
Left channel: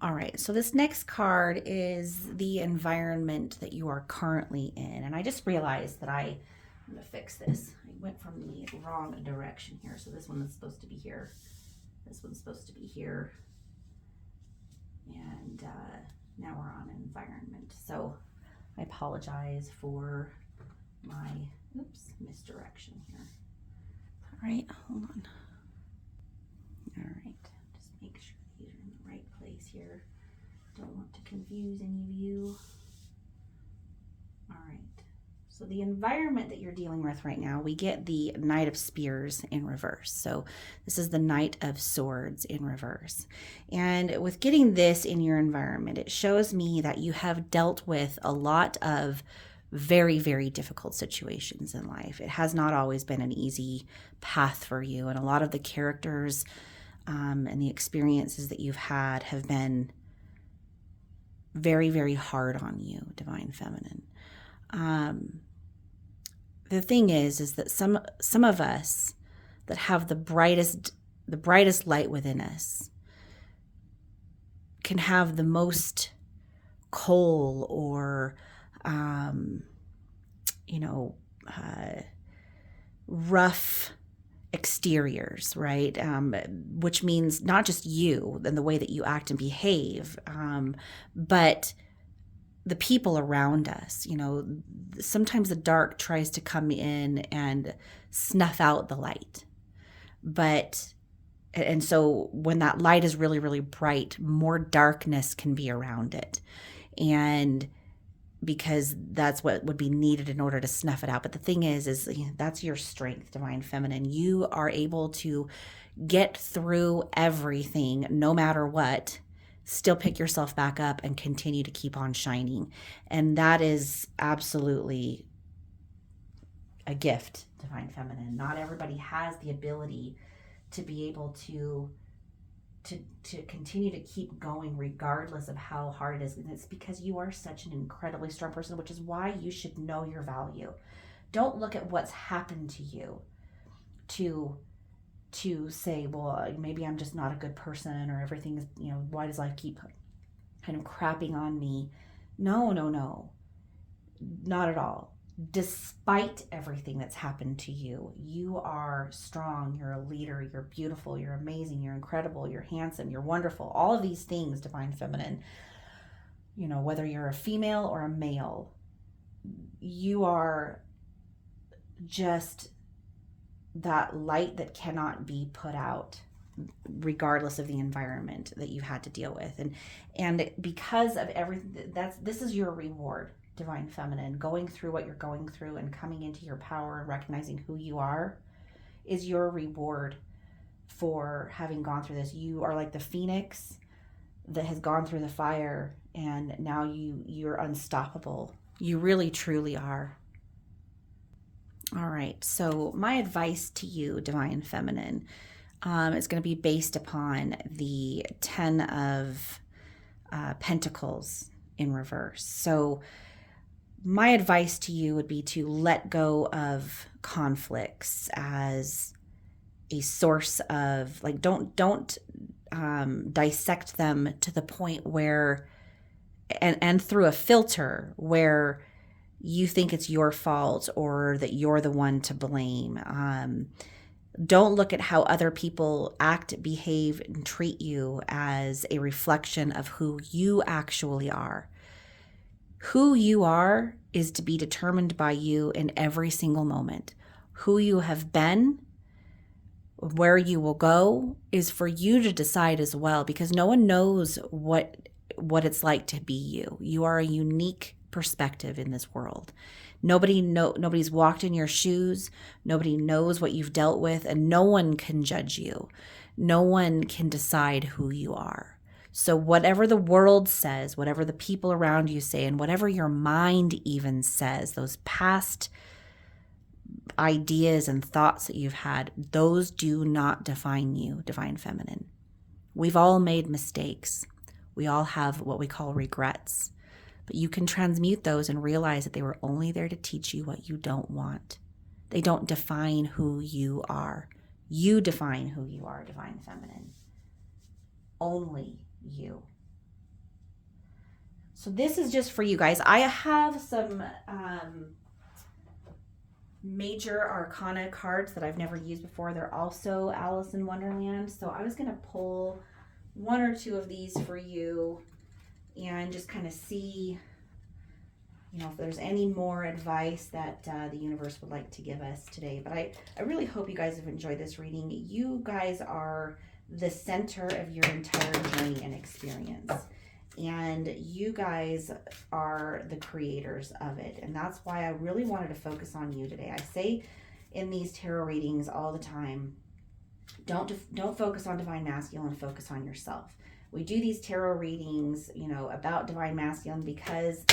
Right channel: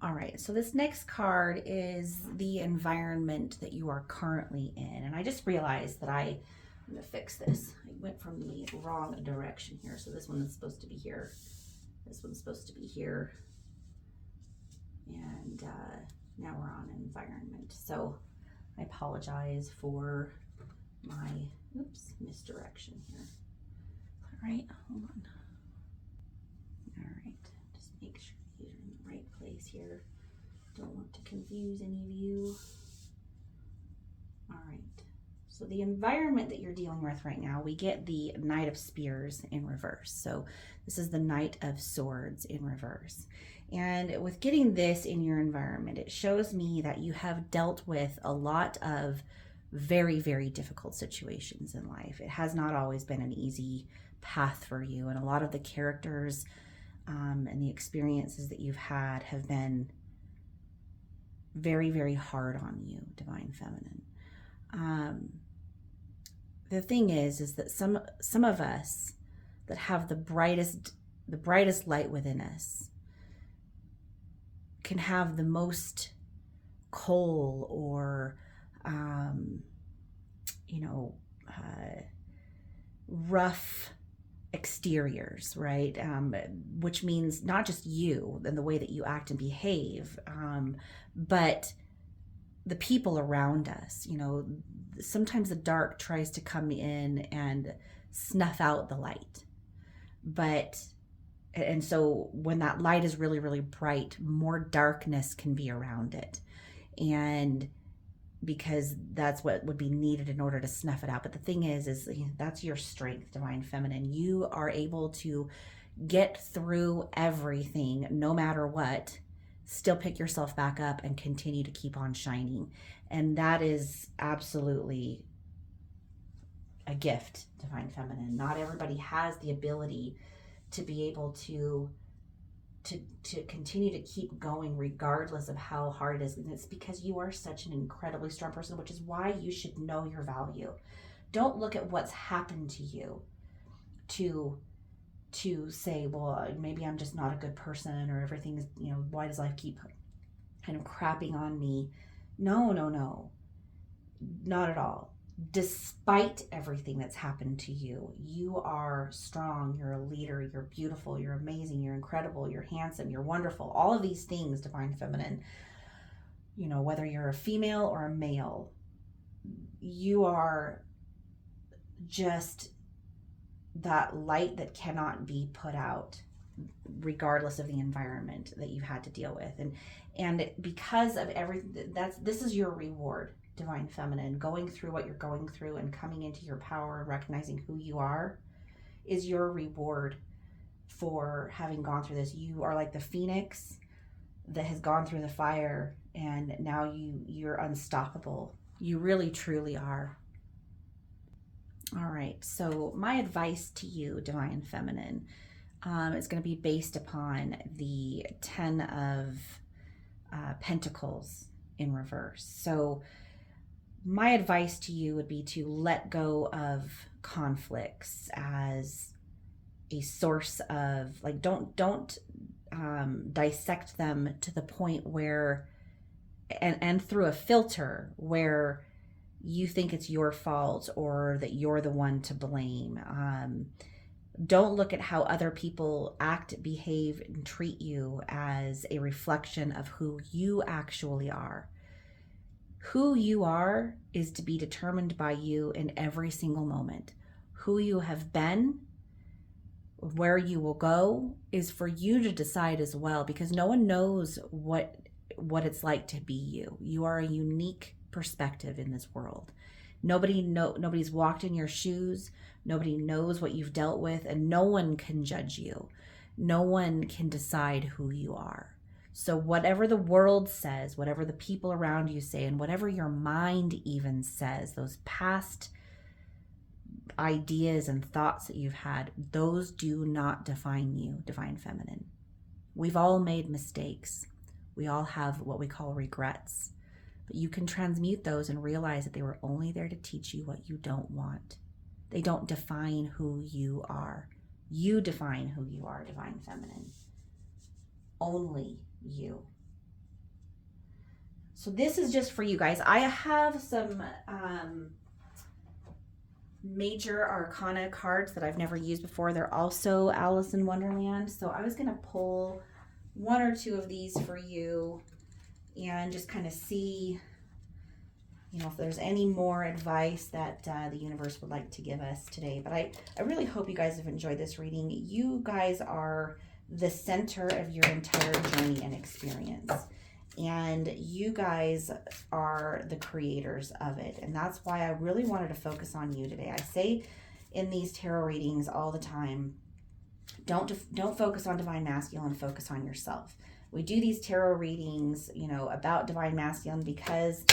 All right, so this next card is the environment that you are currently in. And I just realized that I'm going to fix this. I went from the wrong direction here. So this one is supposed to be here. This one's supposed to be here. And now we're on environment. So I apologize for my, misdirection here. All right, hold on. All right, just make sure you're in the right place here. Don't want to confuse any of you. All right, so the environment that you're dealing with right now, we get the Knight of Spears in reverse. So this is the Knight of Swords in reverse. And with getting this in your environment, it shows me that you have dealt with a lot of very, very difficult situations in life. It has not always been an easy path for you. And a lot of the characters and the experiences that you've had have been very, very hard on you, Divine Feminine. The thing is that some of us that have the brightest light within us can have the most coal or rough exteriors, right? Which means not just you and the way that you act and behave, but the people around us. Sometimes the dark tries to come in and snuff out the light. And so when that light is really, really bright, more darkness can be around it. And because that's what would be needed in order to snuff it out. But the thing is that's your strength, Divine Feminine. You are able to get through everything, no matter what, still pick yourself back up and continue to keep on shining. And that is absolutely a gift, Divine Feminine. Not everybody has the ability to be able to continue to keep going regardless of how hard it is. And it's because you are such an incredibly strong person, which is why you should know your value. Don't look at what's happened to you to say, well, maybe I'm just not a good person, or everything is, why does life keep kind of crapping on me? No, not at all. Despite everything that's happened to you, you are strong, you're a leader, you're beautiful, you're amazing, you're incredible, you're handsome, you're wonderful. All of these things, Divine Feminine, whether you're a female or a male, you are just that light that cannot be put out regardless of the environment that you've had to deal with. And because of everything, this is your reward, Divine Feminine. Going through what you're going through and coming into your power and recognizing who you are is your reward for having gone through this. You are like the phoenix that has gone through the fire, and now you're unstoppable. You really truly are. All right, so my advice to you, Divine Feminine, is going to be based upon the 10 of Pentacles in reverse. So my advice to you would be to let go of conflicts as a source of, like, don't dissect them to the point where, and through a filter where you think it's your fault or that you're the one to blame. Don't look at how other people act, behave, and treat you as a reflection of who you actually are. Who you are is to be determined by you in every single moment. Who you have been, where you will go, is for you to decide as well, because no one knows what it's like to be you. You are a unique perspective in this world. Nobody's walked in your shoes. Nobody knows what you've dealt with, and no one can judge you. No one can decide who you are. So whatever the world says, whatever the people around you say, and whatever your mind even says, those past ideas and thoughts that you've had, those do not define you, Divine Feminine. We've all made mistakes. We all have what we call regrets. But you can transmute those and realize that they were only there to teach you what you don't want. They don't define who you are. You define who you are, Divine Feminine. Only you. So this is just for you guys. I have some major arcana cards that I've never used before. They're also Alice in Wonderland. So I was going to pull one or two of these for you and just kind of see, if there's any more advice that the universe would like to give us today. But I really hope you guys have enjoyed this reading. You guys are the center of your entire journey and experience. And you guys are the creators of it. And that's why I really wanted to focus on you today. I say in these tarot readings all the time, don't focus on Divine Masculine, focus on yourself. We do these tarot readings, about Divine Masculine because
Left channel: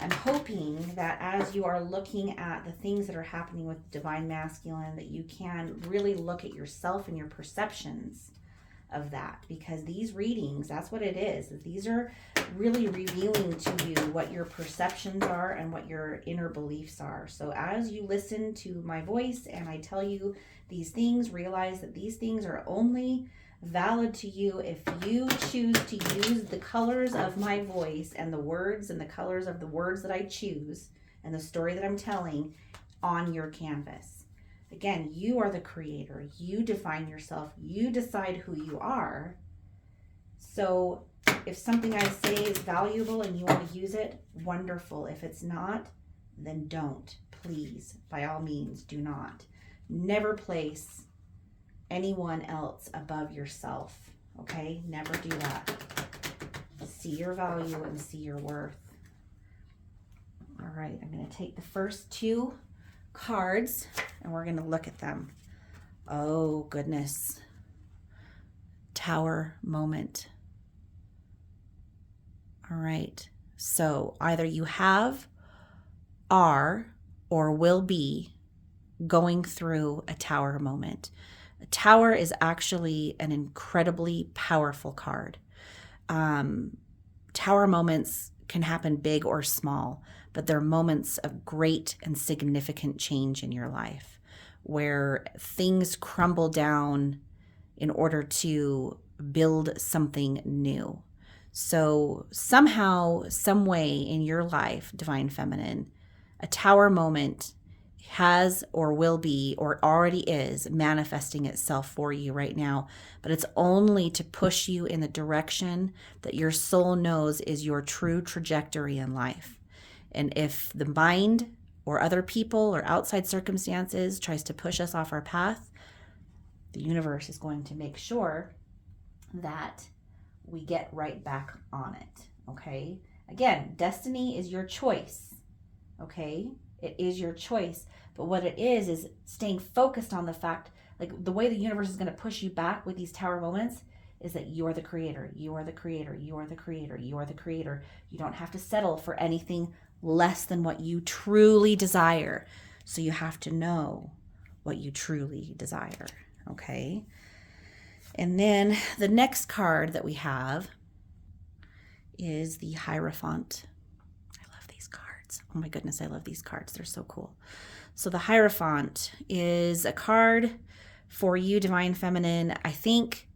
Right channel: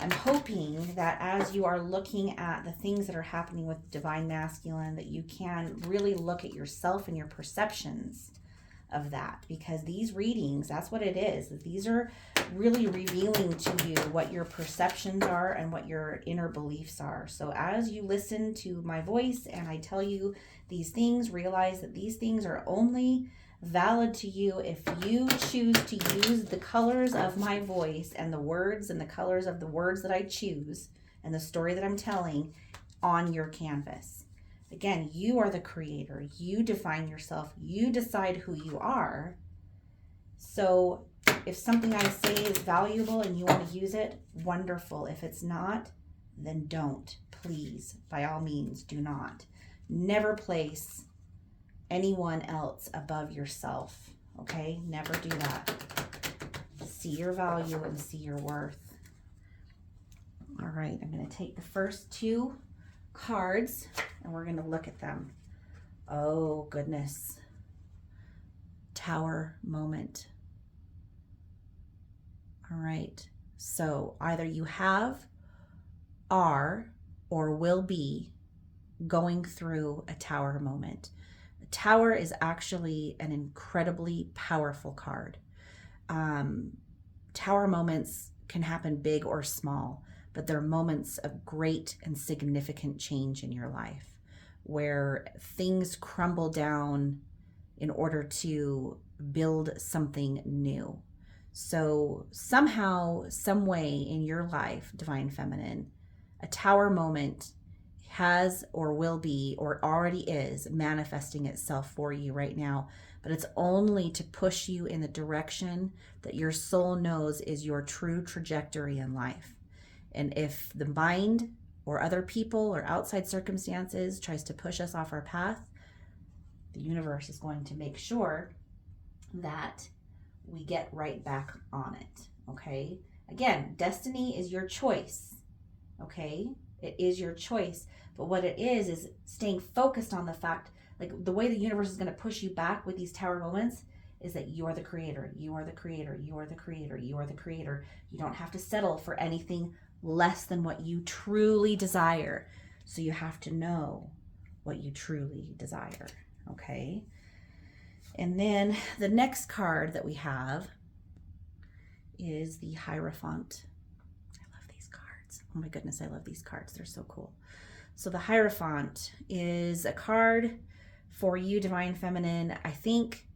I'm hoping that as you are looking at the things that are happening with Divine Masculine, that you can really look at yourself and your perceptions of that, because these readings, that's what it is. These are really revealing to you what your perceptions are and what your inner beliefs are. So as you listen to my voice and I tell you these things, realize that these things are only valid to you if you choose to use the colors of my voice and the words and the colors of the words that I choose and the story that I'm telling on your canvas. Again, you are the creator. You define yourself. You decide who you are. So if something I say is valuable and you want to use it, wonderful. If it's not, then don't. Please, by all means, do not. Never place anyone else above yourself. Okay? Never do that. See your value and see your worth. All right, I'm going to take the first two cards and we're going to look at them. Oh, goodness. Tower moment. All right, so either you have, are, or will be going through a tower moment. A tower is actually an incredibly powerful card. Tower moments can happen big or small, but they're moments of great and significant change in your life where things crumble down in order to build something new. So somehow, some way in your life, Divine Feminine, a tower moment has or will be or already is manifesting itself for you right now, but it's only to push you in the direction that your soul knows is your true trajectory in life. And if the mind or other people or outside circumstances tries to push us off our path, the universe is going to make sure that we get right back on it, okay? Again, destiny is your choice, okay? It is your choice, but what it is staying focused on the fact, like the way the universe is going to push you back with these tower moments is that you're the creator, you are the creator, you are the creator, you are the creator. You don't have to settle for anything less than what you truly desire. So you have to know what you truly desire, okay? And then the next card that we have is the Hierophant. I love these cards. Oh my goodness, I love these cards. They're so cool. So the Hierophant is a card for you, Divine Feminine. I think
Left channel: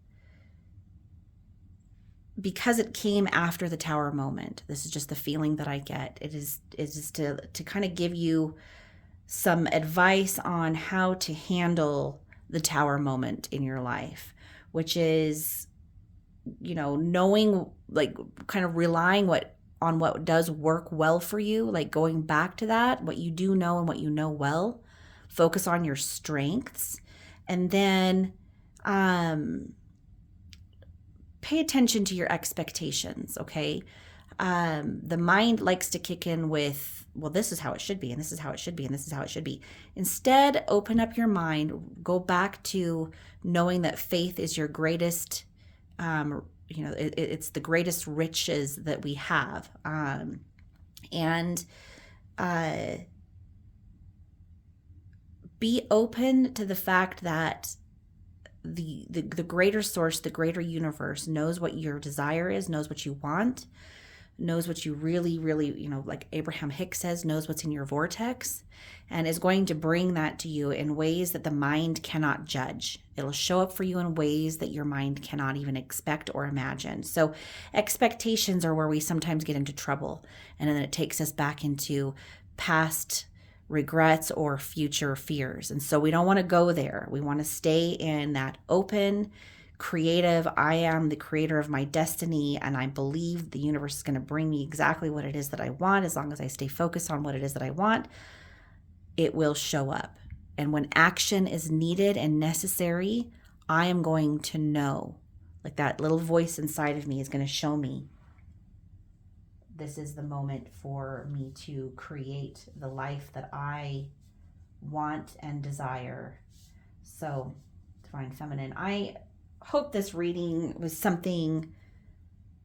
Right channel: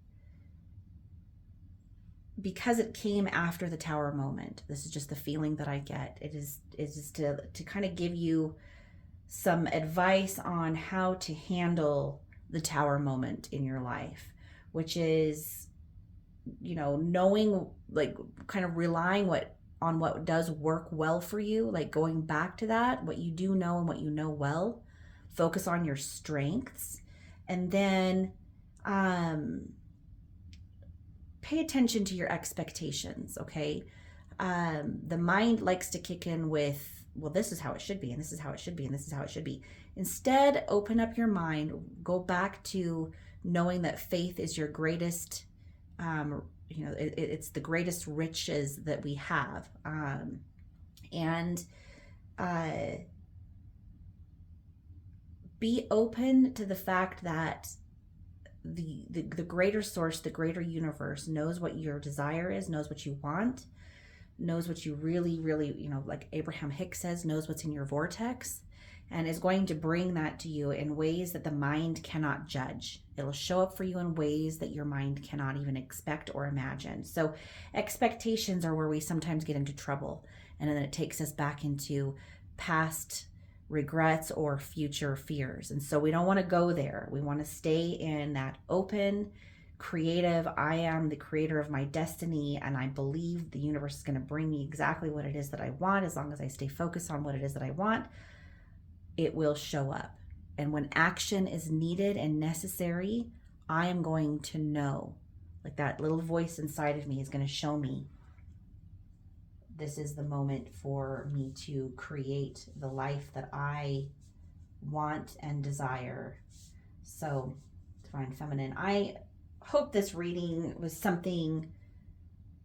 because it came after the tower moment, this is just the feeling that I get. It is just to kind of give you some advice on how to handle the tower moment in your life, which is, you know, knowing, like kind of relying on what does work well for you, like going back to that, what you do know and what you know well, focus on your strengths, and then pay attention to your expectations, okay? The mind likes to kick in with, well, this is how it should be, and this is how it should be, and this is how it should be. Instead, open up your mind, go back to knowing that faith is your greatest, it's the greatest riches that we have. And be open to the fact that the greater source, the greater universe knows what your desire is, knows what you want, knows what you really, really, like Abraham Hicks says, knows what's in your vortex, and is going to bring that to you in ways that the mind cannot judge. It'll show up for you in ways that your mind cannot even expect or imagine. So expectations are where we sometimes get into trouble, and then it takes us back into past regrets or future fears. And so we don't want to go there. We want to stay in that open, creative, I am the creator of my destiny, and I believe the universe is going to bring me exactly what it is that I want. As long as I stay focused on what it is that I want, it will show up. And when action is needed and necessary, I am going to know, like that little voice inside of me is going to show me, this is the moment for me to create the life that I want and desire. So, Divine Feminine, I hope this reading was something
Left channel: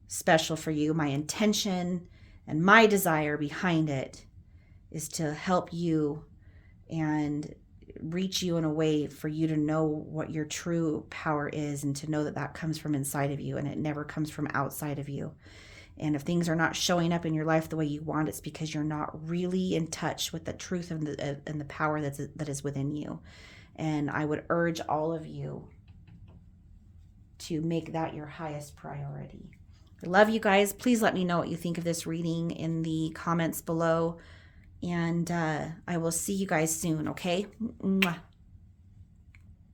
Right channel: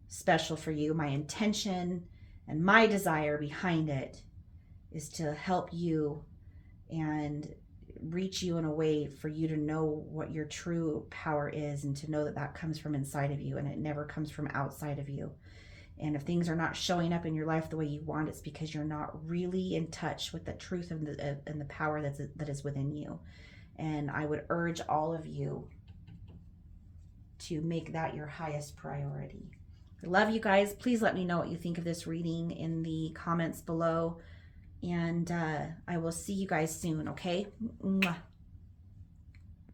special for you. My intention and my desire behind it is to help you and reach you in a way for you to know what your true power is, and to know that that comes from inside of you and it never comes from outside of you. And if things are not showing up in your life the way you want, it's because you're not really in touch with the truth and the power that is within you. And I would urge all of you to make that your highest priority. I love you guys. Please let me know what you think of this reading in the comments below. And I will see you guys soon, okay? Mwah.